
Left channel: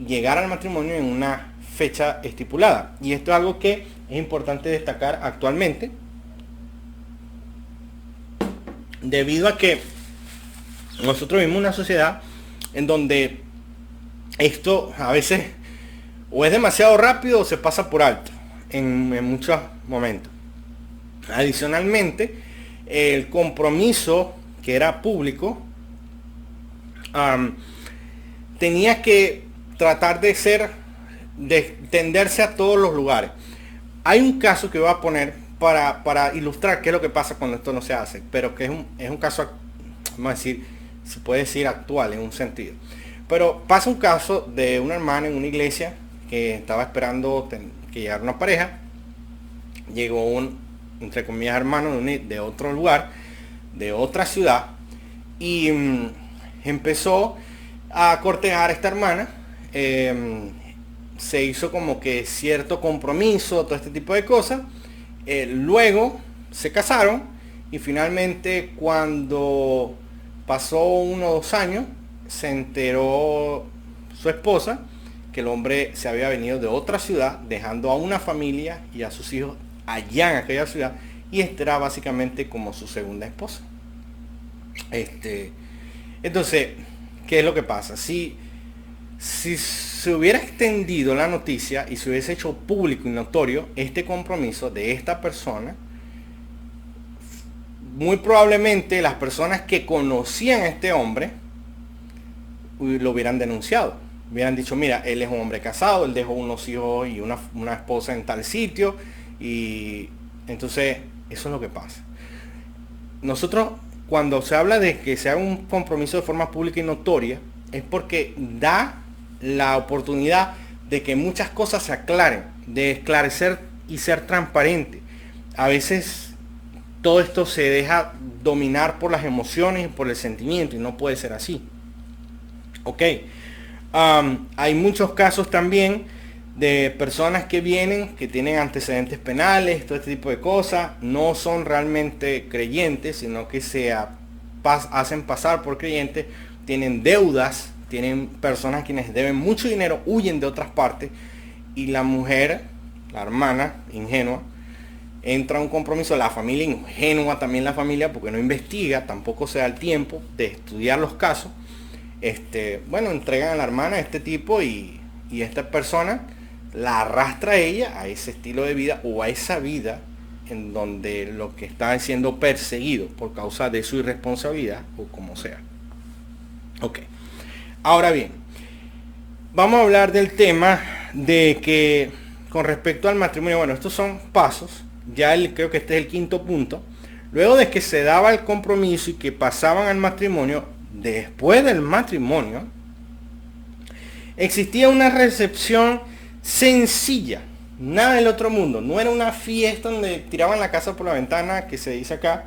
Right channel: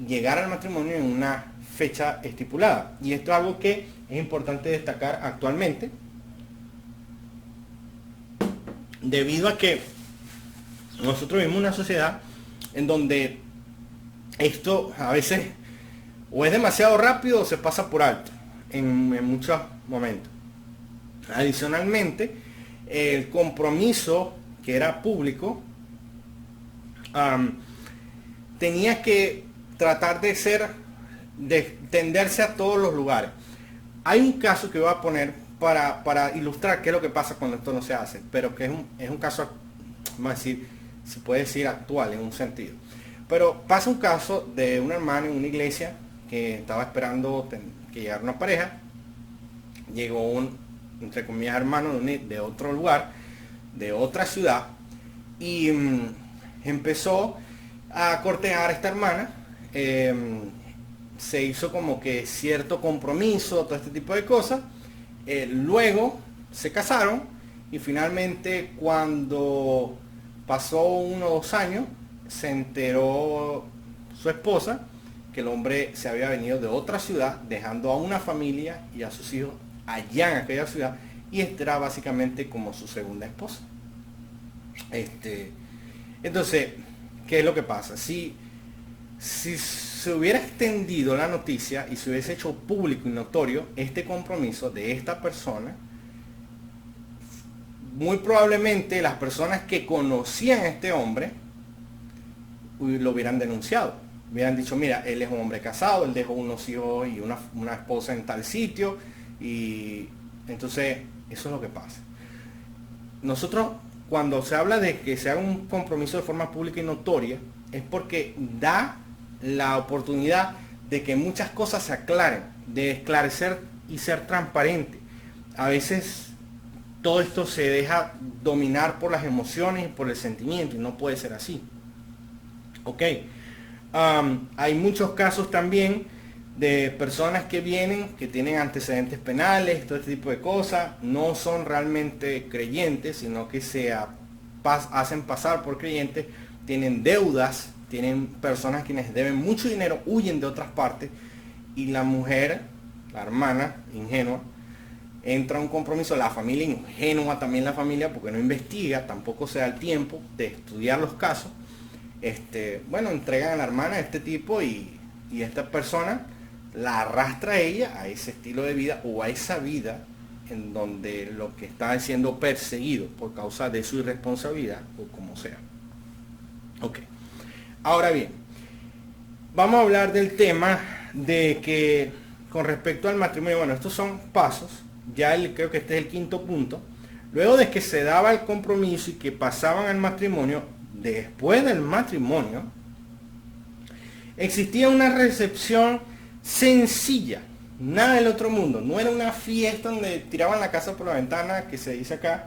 llegar al matrimonio en una fecha estipulada. Y esto es algo que es importante destacar actualmente, debido a que nosotros vivimos una sociedad en donde esto a veces o es demasiado rápido o se pasa por alto en muchos momentos. Adicionalmente, el compromiso que era público tenía que tratar de tenderse a todos los lugares. Hay un caso que voy a poner para ilustrar qué es lo que pasa cuando esto no se hace, pero que es un caso, vamos a decir, se puede decir actual en un sentido. Pero pasa un caso de una hermana en una iglesia que estaba esperando que llegara una pareja. Llegó entre comillas, hermano de otro lugar, de otra ciudad, y empezó a cortejar a esta hermana. Se hizo como que cierto compromiso, todo este tipo de cosas. Luego se casaron y finalmente, cuando pasó 1 o 2 años, se enteró su esposa que el hombre se había venido de otra ciudad, dejando a una familia y a sus hijos allá en aquella ciudad, y esta era básicamente como su segunda esposa. Entonces, ¿qué es lo que pasa? Si se hubiera extendido la noticia y se hubiese hecho público y notorio este compromiso de esta persona, muy probablemente las personas que conocían a este hombre lo hubieran denunciado. Hubieran dicho, mira, él es un hombre casado, él dejó unos hijos y una esposa en tal sitio, y entonces eso es lo que pasa. Nosotros, cuando se habla de que se haga un compromiso de forma pública y notoria, es porque da la oportunidad de que muchas cosas se aclaren, de esclarecer y ser transparente. A veces todo esto se deja dominar por las emociones y por el sentimiento y no puede ser así. Ok. Hay muchos casos también de personas que vienen, que tienen antecedentes penales, todo este tipo de cosas, no son realmente creyentes, sino que hacen pasar por creyentes, tienen deudas, tienen personas quienes deben mucho dinero, huyen de otras partes, y la mujer, la hermana, ingenua, entra a un compromiso, la familia ingenua también la familia, porque no investiga, tampoco se da el tiempo de estudiar los casos. Bueno, entregan a la hermana a este tipo y esta persona la arrastra a ella a ese estilo de vida o a esa vida en donde lo que está siendo perseguido por causa de su irresponsabilidad o como sea. Ok. Ahora bien, vamos a hablar del tema de que con respecto al matrimonio, bueno, estos son pasos, creo que este es el quinto punto. Luego de que se daba el compromiso y que pasaban al matrimonio, después del matrimonio, existía una recepción sencilla, nada del otro mundo. No era una fiesta donde tiraban la casa por la ventana, que se dice acá,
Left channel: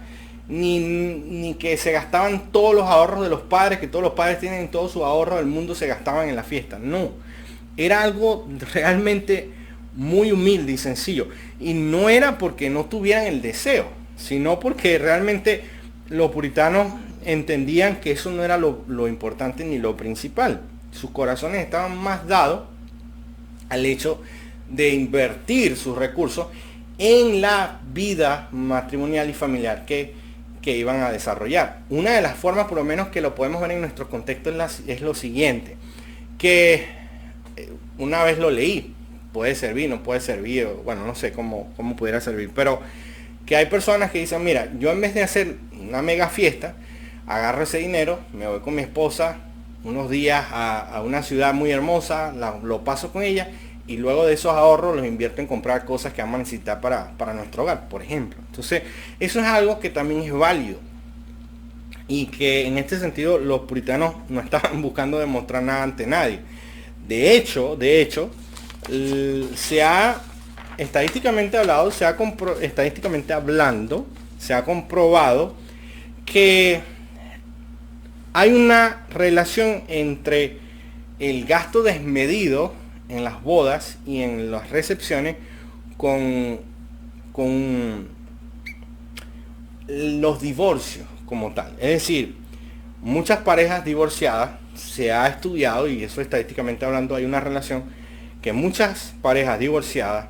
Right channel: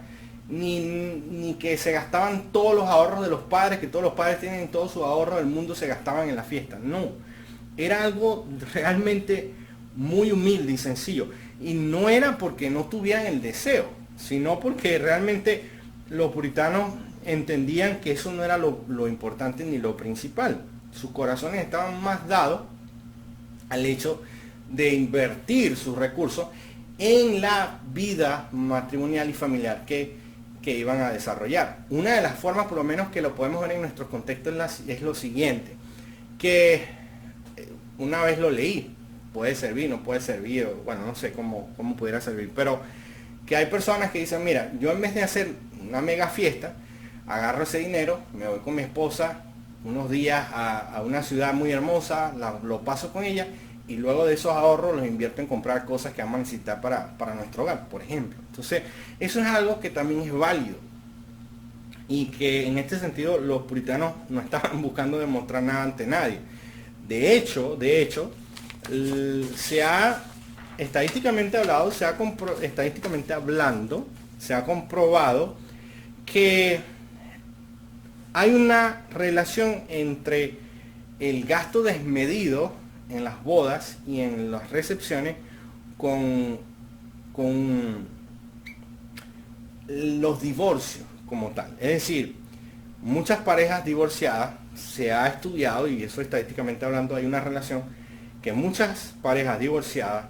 ni que se gastaban todos los ahorros de los padres, que todos los padres tienen todo su ahorro del mundo, se gastaban en la fiesta. No, era algo realmente muy humilde y sencillo. Y no era porque no tuvieran el deseo, sino porque realmente los puritanos entendían que eso no era lo importante ni lo principal. Sus corazones estaban más dados al hecho de invertir sus recursos en la vida matrimonial y familiar que iban a desarrollar. Una de las formas, por lo menos que lo podemos ver en nuestro contexto, es lo siguiente, que una vez lo leí, puede servir, no puede servir, bueno, no sé cómo pudiera servir, pero que hay personas que dicen, mira, yo en vez de hacer una mega fiesta, agarro ese dinero, me voy con mi esposa unos días a una ciudad muy hermosa, lo paso con ella y luego de esos ahorros los invierto en comprar cosas que vamos a necesitar para nuestro hogar, por ejemplo. Entonces, eso es algo que también es válido y que en este sentido los puritanos no estaban buscando demostrar nada ante nadie. De hecho, estadísticamente hablando, se ha comprobado que hay una relación entre el gasto desmedido en las bodas y en las recepciones con los divorcios como tal. Es decir, muchas parejas divorciadas, se ha estudiado, y eso estadísticamente hablando hay una relación, que muchas parejas divorciadas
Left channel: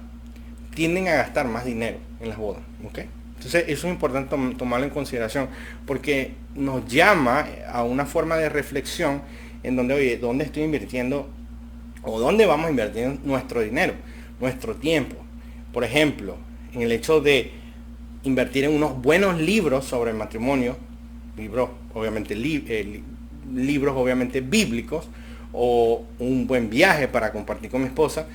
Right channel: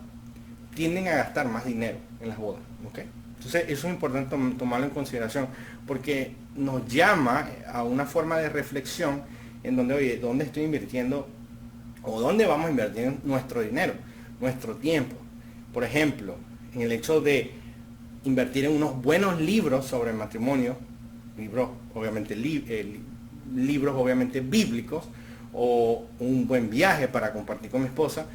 tienden a gastar más dinero en las bodas. ¿Okay? Entonces eso es importante tomarlo en consideración porque nos llama a una forma de reflexión en donde, oye, ¿dónde estoy invirtiendo o dónde vamos a invertir nuestro dinero, nuestro tiempo? Por ejemplo, en el hecho de invertir en unos buenos libros sobre el matrimonio, libros obviamente bíblicos, o un buen viaje para compartir con mi esposa,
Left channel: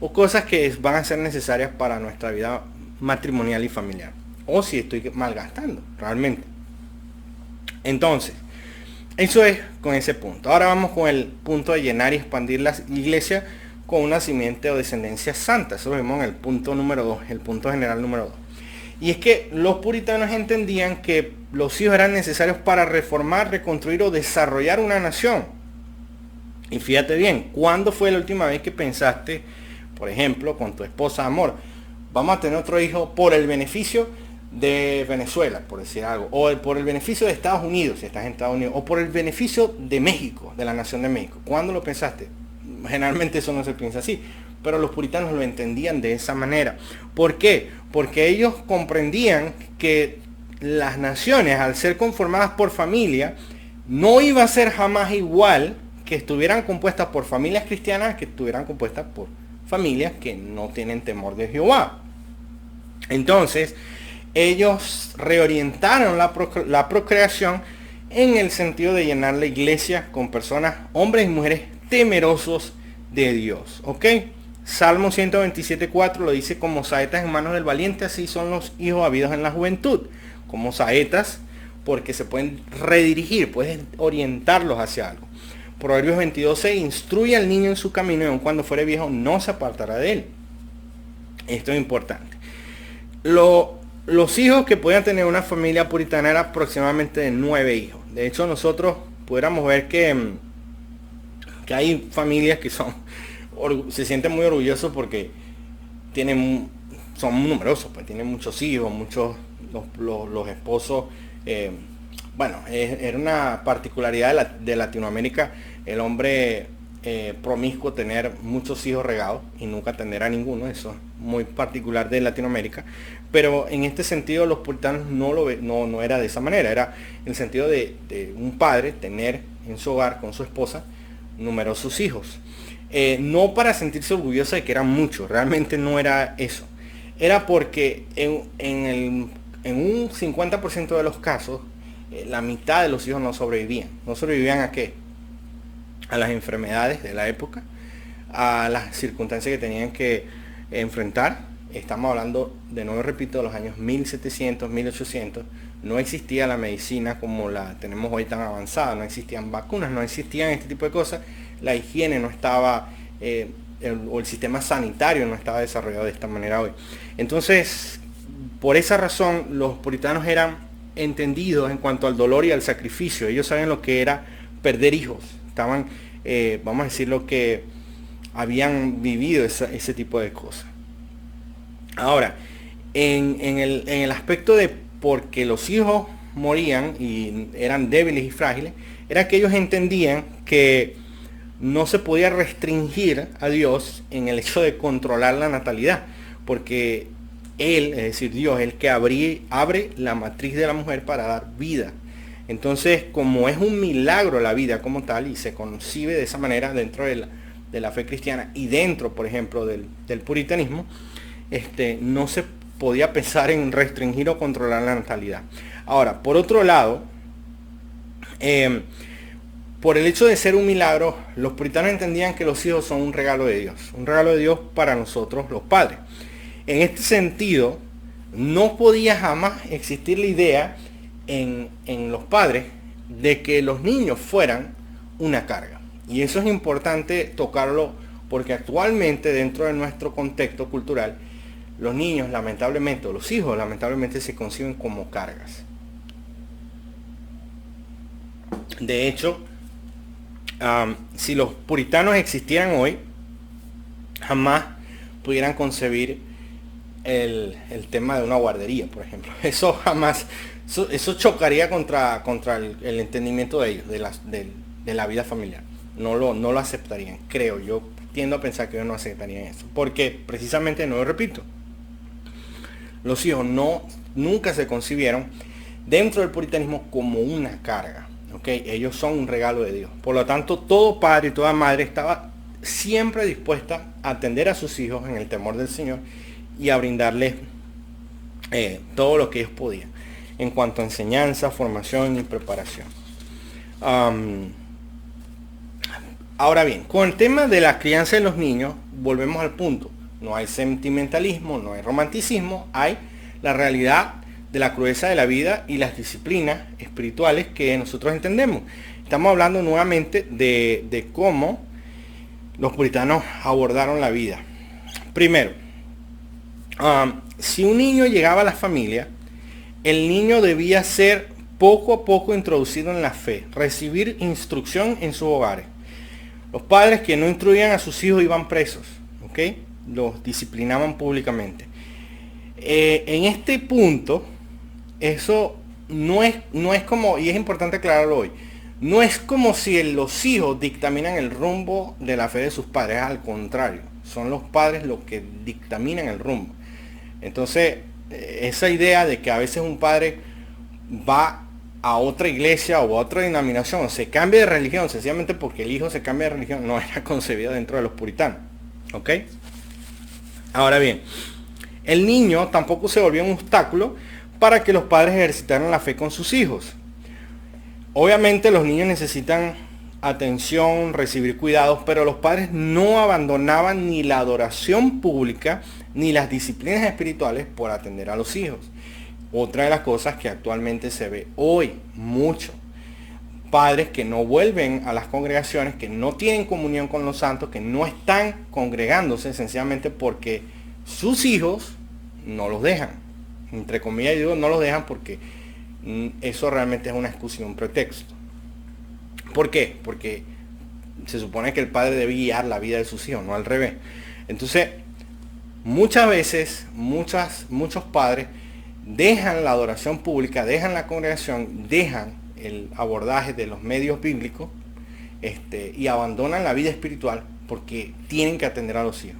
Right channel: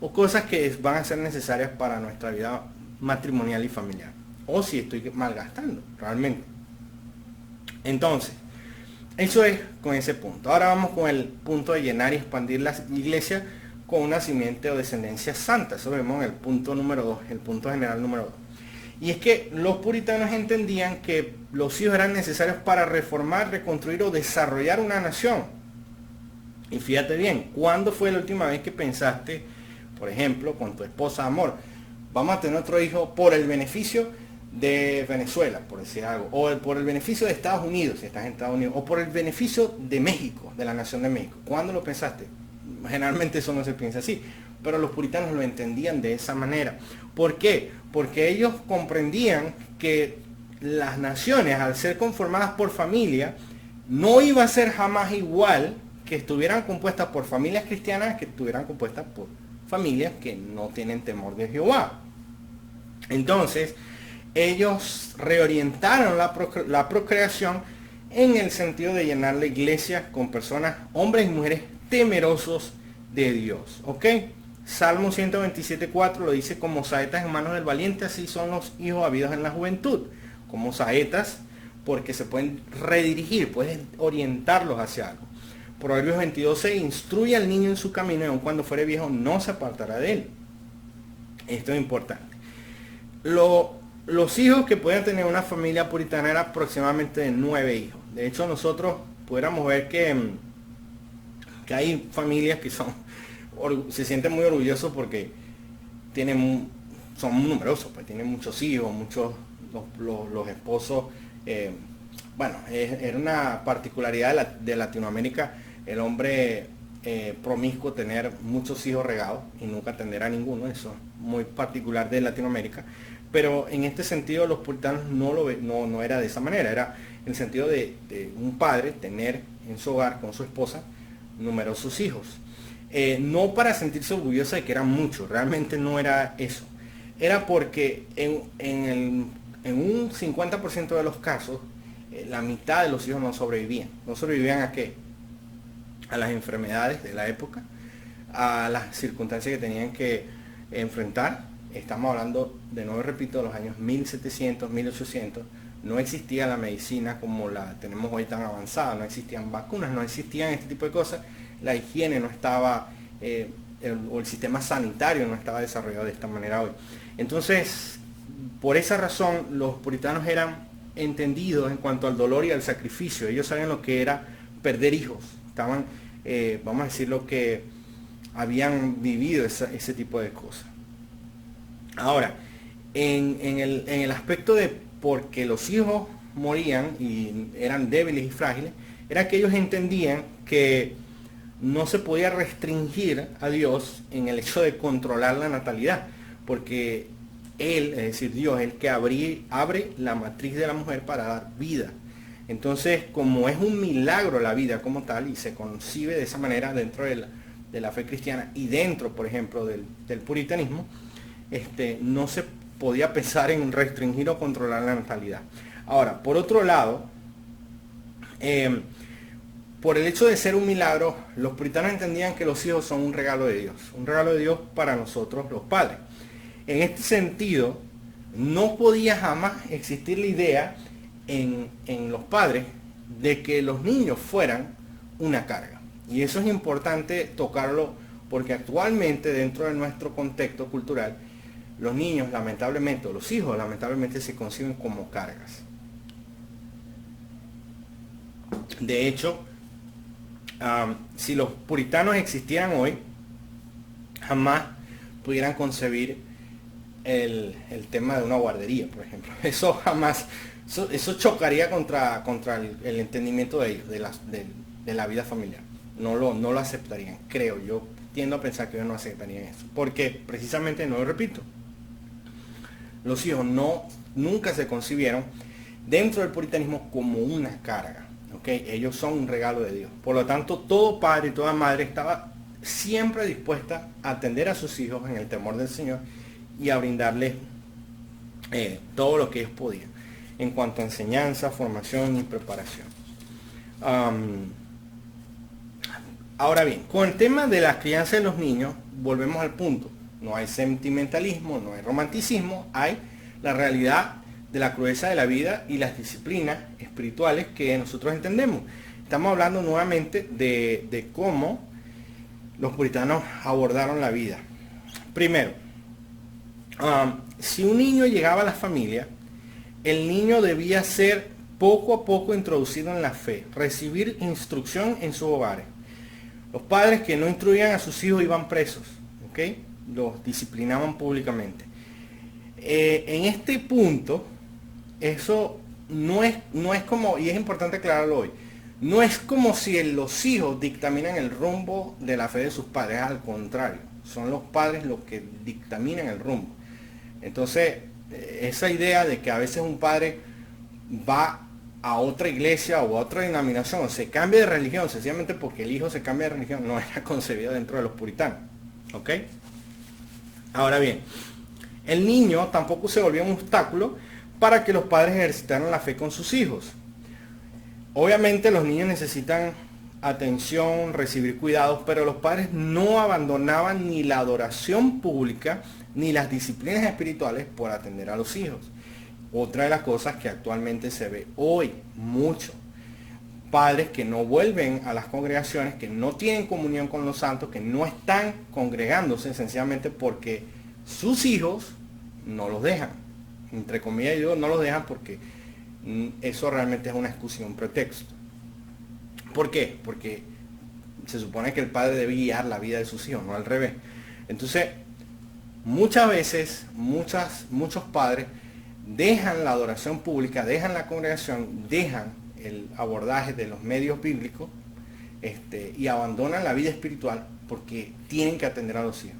o cosas que van a ser necesarias para nuestra vida matrimonial y familiar, o si estoy malgastando realmente. Entonces, eso es con ese punto. Ahora vamos con el punto de llenar y expandir la iglesia con una simiente o descendencia santa. Eso lo vemos en el punto número 2, el punto general número 2. Y es que los puritanos entendían que los hijos eran necesarios para reformar, reconstruir o desarrollar una nación. Y fíjate bien, ¿cuándo fue la última vez que pensaste, por ejemplo, con tu esposa, amor, vamos a tener otro hijo por el beneficio de Venezuela, por decir algo, o por el beneficio de Estados Unidos, si estás en Estados Unidos, o por el beneficio de México, de la nación de México? ¿Cuándo lo pensaste? Generalmente eso no se piensa así, pero los puritanos lo entendían de esa manera. ¿Por qué? Porque ellos comprendían que las naciones, al ser conformadas por familia, no iba a ser jamás igual que estuvieran compuestas por familias cristianas que estuvieran compuestas por familias que no tienen temor de Jehová. Entonces, ellos reorientaron la procreación en el sentido de llenar la iglesia con personas, hombres y mujeres temerosos de Dios. ¿Ok? Salmo 127:4 lo dice: como saetas en manos del valiente, así son los hijos habidos en la juventud. Como saetas, porque se pueden redirigir, puedes orientarlos hacia algo. Proverbios 22:6, instruye al niño en su camino y aun cuando fuere viejo no se apartará de él. Esto es importante. Los hijos que podían tener una familia puritana eran aproximadamente de 9 hijos. De hecho, nosotros pudiéramos ver que hay familias que se sienten muy orgullosos porque son numerosos, pues tienen muchos hijos, los esposos. Bueno, era una particularidad de Latinoamérica, el hombre promiscuo tener muchos hijos regados y nunca tener a ninguno. Eso es muy particular de Latinoamérica. Pero en este sentido los puritanos no era de esa manera, era el sentido de un padre tener en su hogar con su esposa numerosos hijos. No para sentirse orgulloso de que eran muchos, realmente no era eso. Era porque en un 50% de los casos, la mitad de los hijos no sobrevivían. ¿No sobrevivían a qué? A las enfermedades de la época, a las circunstancias que tenían que enfrentar. Estamos hablando, de nuevo repito, de los años 1700, 1800. No existía la medicina como la tenemos hoy tan avanzada, no existían vacunas, no existían este tipo de cosas. La higiene no estaba, o el sistema sanitario no estaba desarrollado de esta manera hoy. Entonces, por esa razón, los puritanos eran entendidos en cuanto al dolor y al sacrificio. Ellos saben lo que era perder hijos. Estaban, vamos a decir, lo que habían vivido ese tipo de cosas. Ahora, en el aspecto de porque los hijos morían y eran débiles y frágiles, era que ellos entendían que no se podía restringir a Dios en el hecho de controlar la natalidad, porque Él, es decir, Dios, es el que abre la matriz de la mujer para dar vida. Entonces, como es un milagro la vida como tal y se concibe de esa manera dentro de la fe cristiana y dentro, por ejemplo, del puritanismo, no se podía pensar en restringir o controlar la natalidad. Ahora, por otro lado, por el hecho de ser un milagro, los puritanos entendían que los hijos son un regalo de Dios para nosotros los padres. En este sentido, no podía jamás existir la idea en los padres de que los niños fueran una carga. Y eso es importante tocarlo porque actualmente dentro de nuestro contexto cultural, los niños lamentablemente, o los hijos lamentablemente se conciben como cargas. De hecho, si los puritanos existieran hoy, jamás pudieran concebir el tema de una guardería, por ejemplo. Eso jamás, eso chocaría contra el entendimiento de ellos, de la vida familiar. No lo aceptarían, creo. Yo tiendo a pensar que ellos no aceptarían eso. Porque precisamente, no lo repito, los hijos nunca se concibieron dentro del puritanismo como una carga. ¿Okay? Ellos son un regalo de Dios. Por lo tanto, todo padre y toda madre estaba siempre dispuesta a atender a sus hijos en el temor del Señor y a brindarles todo lo que ellos podían en cuanto a enseñanza, formación y preparación. Ahora bien, con el tema de la crianza de los niños, volvemos al punto. No hay sentimentalismo, no hay romanticismo, hay la realidad de la crudeza de la vida y las disciplinas espirituales que nosotros entendemos. Estamos hablando nuevamente de cómo los puritanos abordaron la vida. Primero, si un niño llegaba a la familia, el niño debía ser poco a poco introducido en la fe, recibir instrucción en sus hogares. Los padres que no instruían a sus hijos iban presos, ¿ok? Los disciplinaban públicamente. En este punto, eso no es como, y es importante aclararlo hoy, no es como si los hijos dictaminan el rumbo de la fe de sus padres, al contrario, son los padres los que dictaminan el rumbo. Entonces, esa idea de que a veces un padre va a otra iglesia o a otra denominación o se cambia de religión sencillamente porque el hijo se cambia de religión, no era concebida dentro de los puritanos. ¿Ok? Ahora bien, el niño tampoco se volvió un obstáculo para que los padres ejercitaran la fe con sus hijos. Obviamente los niños necesitan atención, recibir cuidados, pero los padres no abandonaban ni la adoración pública ni las disciplinas espirituales por atender a los hijos. Otra de las cosas que actualmente se ve hoy mucho. padres que no vuelven a las congregaciones, que no tienen comunión con los santos, que no están congregándose sencillamente porque sus hijos no los dejan. Entre comillas, yo no los dejan porque eso realmente es una excusa y un pretexto. ¿Por qué? Porque se supone que el padre debe guiar la vida de sus hijos, no al revés. Entonces, muchas veces, muchos padres dejan la adoración pública, dejan la congregación, dejan el abordaje de los medios bíblicos y abandonan la vida espiritual porque tienen que atender a los hijos.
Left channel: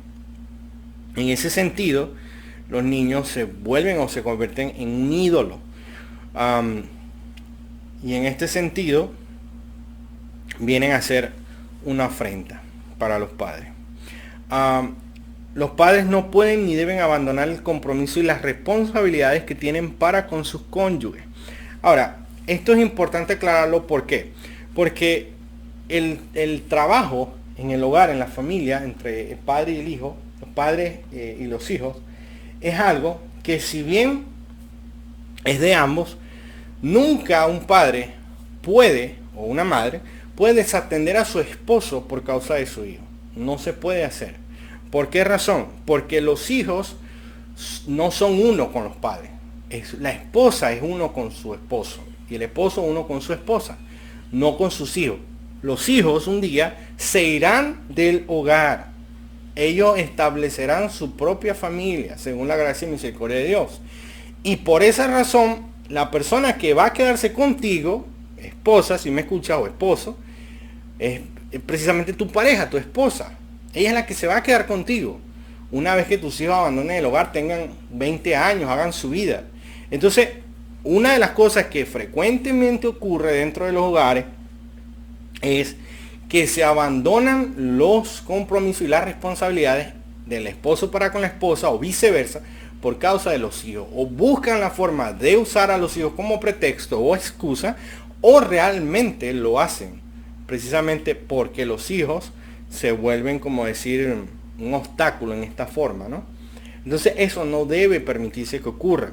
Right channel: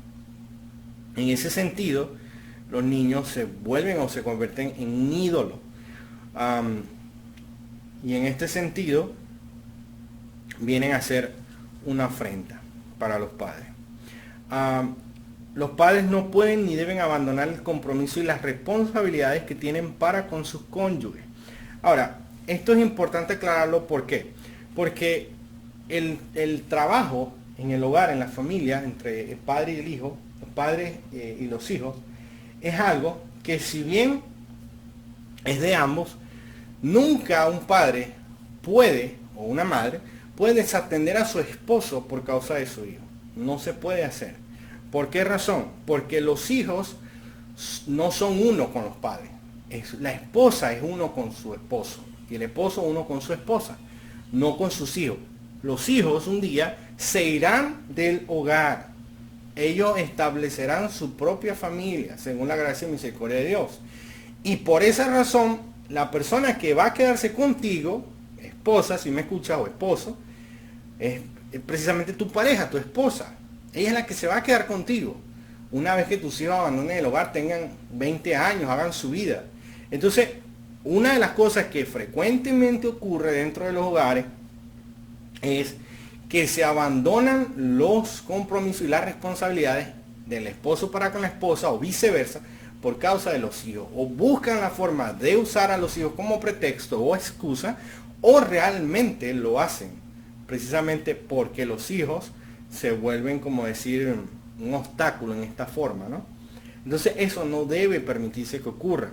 En ese sentido, los niños se vuelven o se convierten en un ídolo. Y en este sentido, vienen a ser una afrenta para los padres. Los padres no pueden ni deben abandonar el compromiso y las responsabilidades que tienen para con sus cónyuges. Ahora, esto es importante aclararlo, ¿por qué? Porque el trabajo en el hogar, en la familia, entre el padre y el hijo, los padres y los hijos, es algo que, si bien es de ambos, nunca un padre puede, o una madre, puede desatender a su esposo por causa de su hijo. No se puede hacer. ¿Por qué razón? Porque los hijos no son uno con los padres. La esposa es uno con su esposo y el esposo uno con su esposa, no con sus hijos. Los hijos un día se irán del hogar. Ellos establecerán su propia familia según la gracia y misericordia de Dios. Y por esa razón, la persona que va a quedarse contigo, esposa, si me escuchas, o esposo, es precisamente tu pareja, tu esposa. Ella es la que se va a quedar contigo. Una vez que tus hijos abandonen el hogar, tengan 20 años, hagan su vida. Entonces, una de las cosas que frecuentemente ocurre dentro de los hogares es que se abandonan los compromisos y las responsabilidades del esposo para con la esposa o viceversa por causa de los hijos. O buscan la forma de usar a los hijos como pretexto o excusa, o realmente lo hacen precisamente porque los hijos se vuelven, como decir, un obstáculo en esta forma, ¿no? Entonces eso no debe permitirse que ocurra.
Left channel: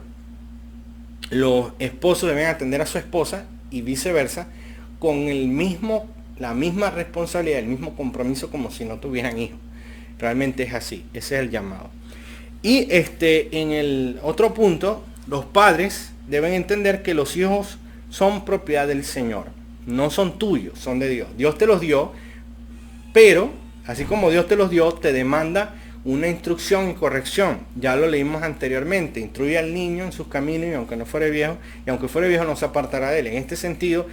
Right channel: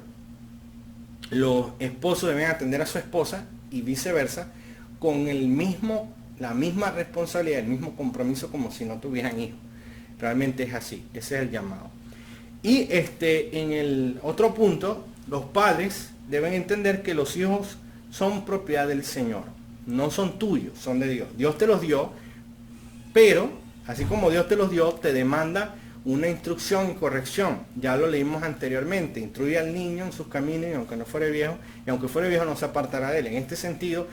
Los esposos deben atender a su esposa y viceversa con la misma responsabilidad, el mismo compromiso, como si no tuvieran hijos. Realmente es así, ese es el llamado. Y en el otro punto, los padres deben entender que los hijos son propiedad del Señor, no son tuyos, son de Dios. Dios te los dio, pero así como Dios te los dio, te demanda una instrucción y corrección. Ya lo leímos anteriormente. Instruye al niño en sus caminos, y aunque fuere viejo no se apartará de él. En este sentido,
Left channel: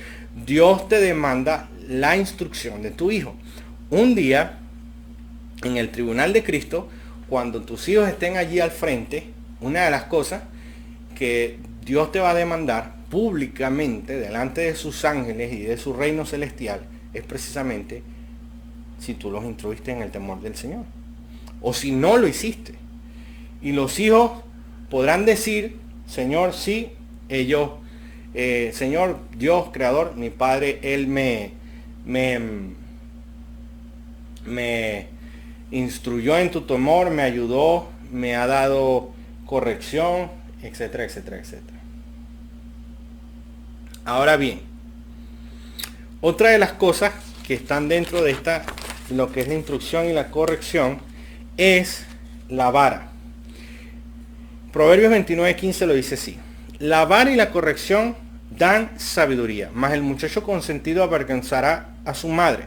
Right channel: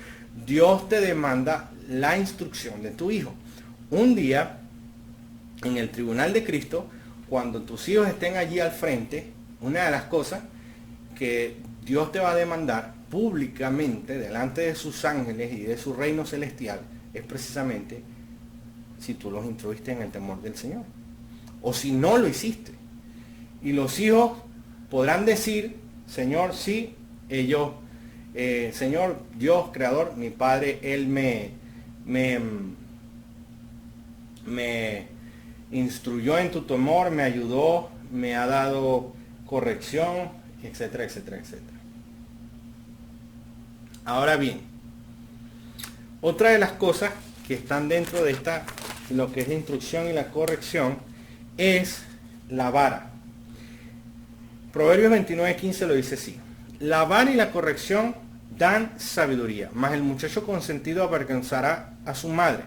Dios te demanda la instrucción de tu hijo. Un día, en el tribunal de Cristo, cuando tus hijos estén allí al frente, una de las cosas que Dios te va a demandar públicamente delante de sus ángeles y de su reino celestial es precisamente si tú los instruiste en el temor del Señor o si no lo hiciste. Y los hijos podrán decir: Señor, sí, ellos, Señor Dios creador, mi padre, él me instruyó en tu temor, me ayudó, me ha dado corrección, etcétera, etcétera, etcétera. Ahora bien, otra de las cosas que están dentro de lo que es la instrucción y la corrección, es la vara. Proverbios 29:15 lo dice así: la vara y la corrección dan sabiduría, mas el muchacho consentido avergonzará a su madre.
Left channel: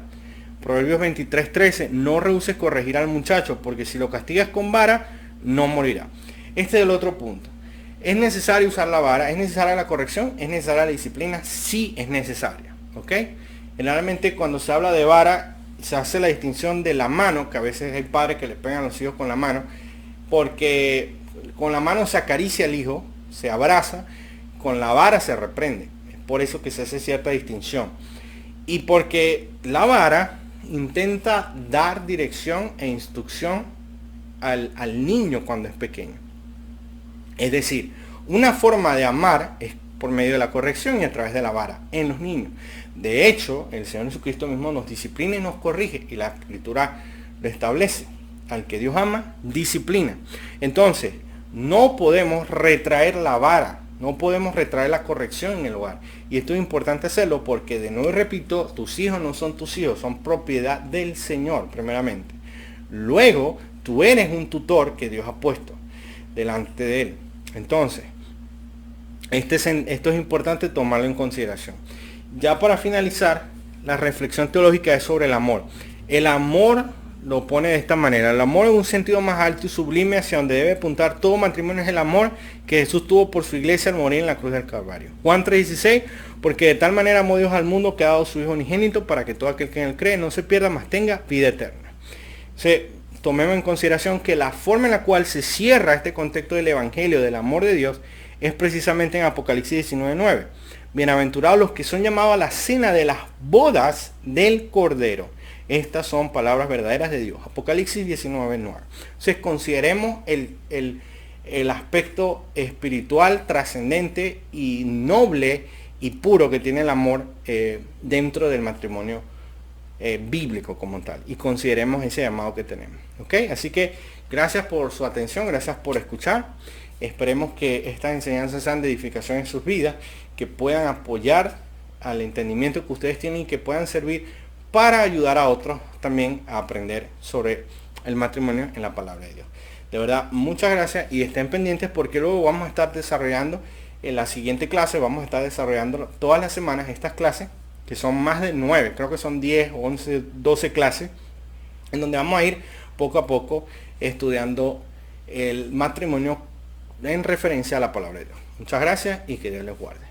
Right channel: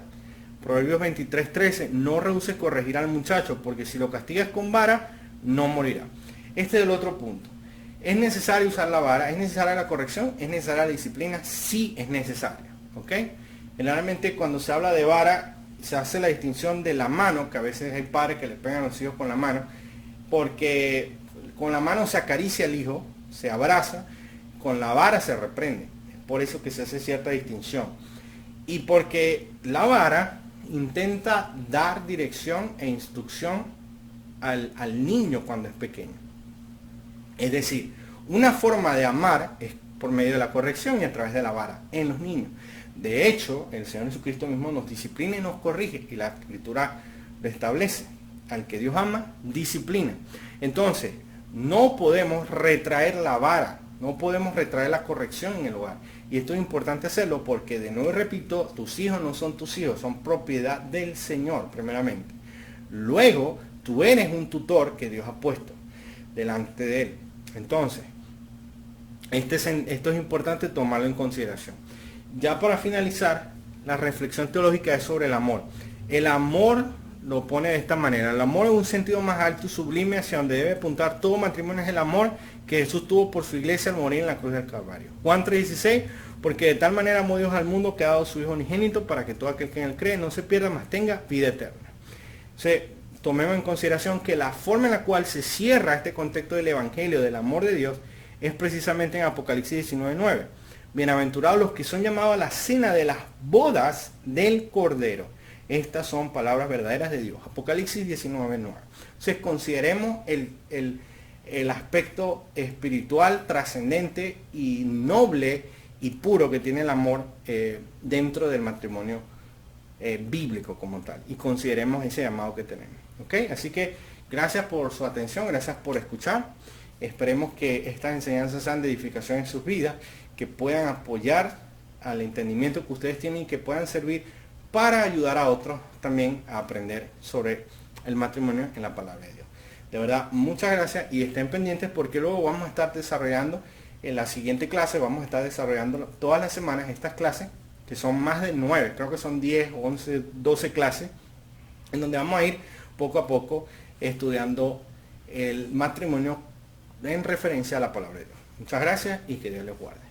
Proverbios 23:13, no rehuses corregir al muchacho, porque si lo castigas con vara, no morirá. Este es el otro punto. ¿Es necesario usar la vara? ¿Es necesaria la corrección? ¿Es necesaria la disciplina? Sí, es necesaria. ¿Ok? Generalmente cuando se habla de vara, se hace la distinción de la mano, que a veces hay padres que le pegan a los hijos con la mano, porque con la mano se acaricia al hijo, se abraza, con la vara se reprende. Es por eso que se hace cierta distinción. Y porque la vara intenta dar dirección e instrucción al niño cuando es pequeño. Es decir, una forma de amar es por medio de la corrección y a través de la vara en los niños. De hecho, el Señor Jesucristo mismo nos disciplina y nos corrige, y la Escritura lo establece. Al que Dios ama, disciplina. Entonces, no podemos retraer la vara No podemos retraer la corrección en el hogar. Y esto es importante hacerlo porque, de nuevo repito, tus hijos no son tus hijos, son propiedad del Señor, primeramente. Luego, tú eres un tutor que Dios ha puesto delante de Él. Entonces, esto es importante tomarlo en consideración. Ya para finalizar, la reflexión teológica es sobre el amor. El amor lo pone de esta manera: el amor en un sentido más alto y sublime, hacia donde debe apuntar todo matrimonio, es el amor que Jesús tuvo por su iglesia al morir en la cruz del Calvario. Juan 3:16, porque de tal manera amó Dios al mundo que ha dado su Hijo unigénito, para que todo aquel que en él cree no se pierda, mas tenga vida eterna. Tomemos en consideración que la forma en la cual se cierra este contexto del Evangelio, del amor de Dios, es precisamente en Apocalipsis 19:9. Bienaventurados los que son llamados a la cena de las bodas del Cordero. Estas son palabras verdaderas de Dios. Apocalipsis 19:9. Entonces consideremos el aspecto espiritual, trascendente y noble y puro que tiene el amor dentro del matrimonio bíblico como tal. Y consideremos ese llamado que tenemos. ¿Ok? Así que gracias por su atención, gracias por escuchar. Esperemos que estas enseñanzas sean de edificación en sus vidas, que puedan apoyar al entendimiento que ustedes tienen y que puedan servir para ayudar a otros también a aprender sobre el matrimonio en la palabra de Dios. De verdad, muchas gracias y estén pendientes porque luego vamos a estar desarrollando en la siguiente clase, vamos a estar desarrollando todas las semanas estas clases, que son más de 9, creo que son 10, 11, 12 clases, en donde vamos a ir poco a poco estudiando el matrimonio en referencia a la palabra de Dios. Muchas gracias y que Dios les guarde.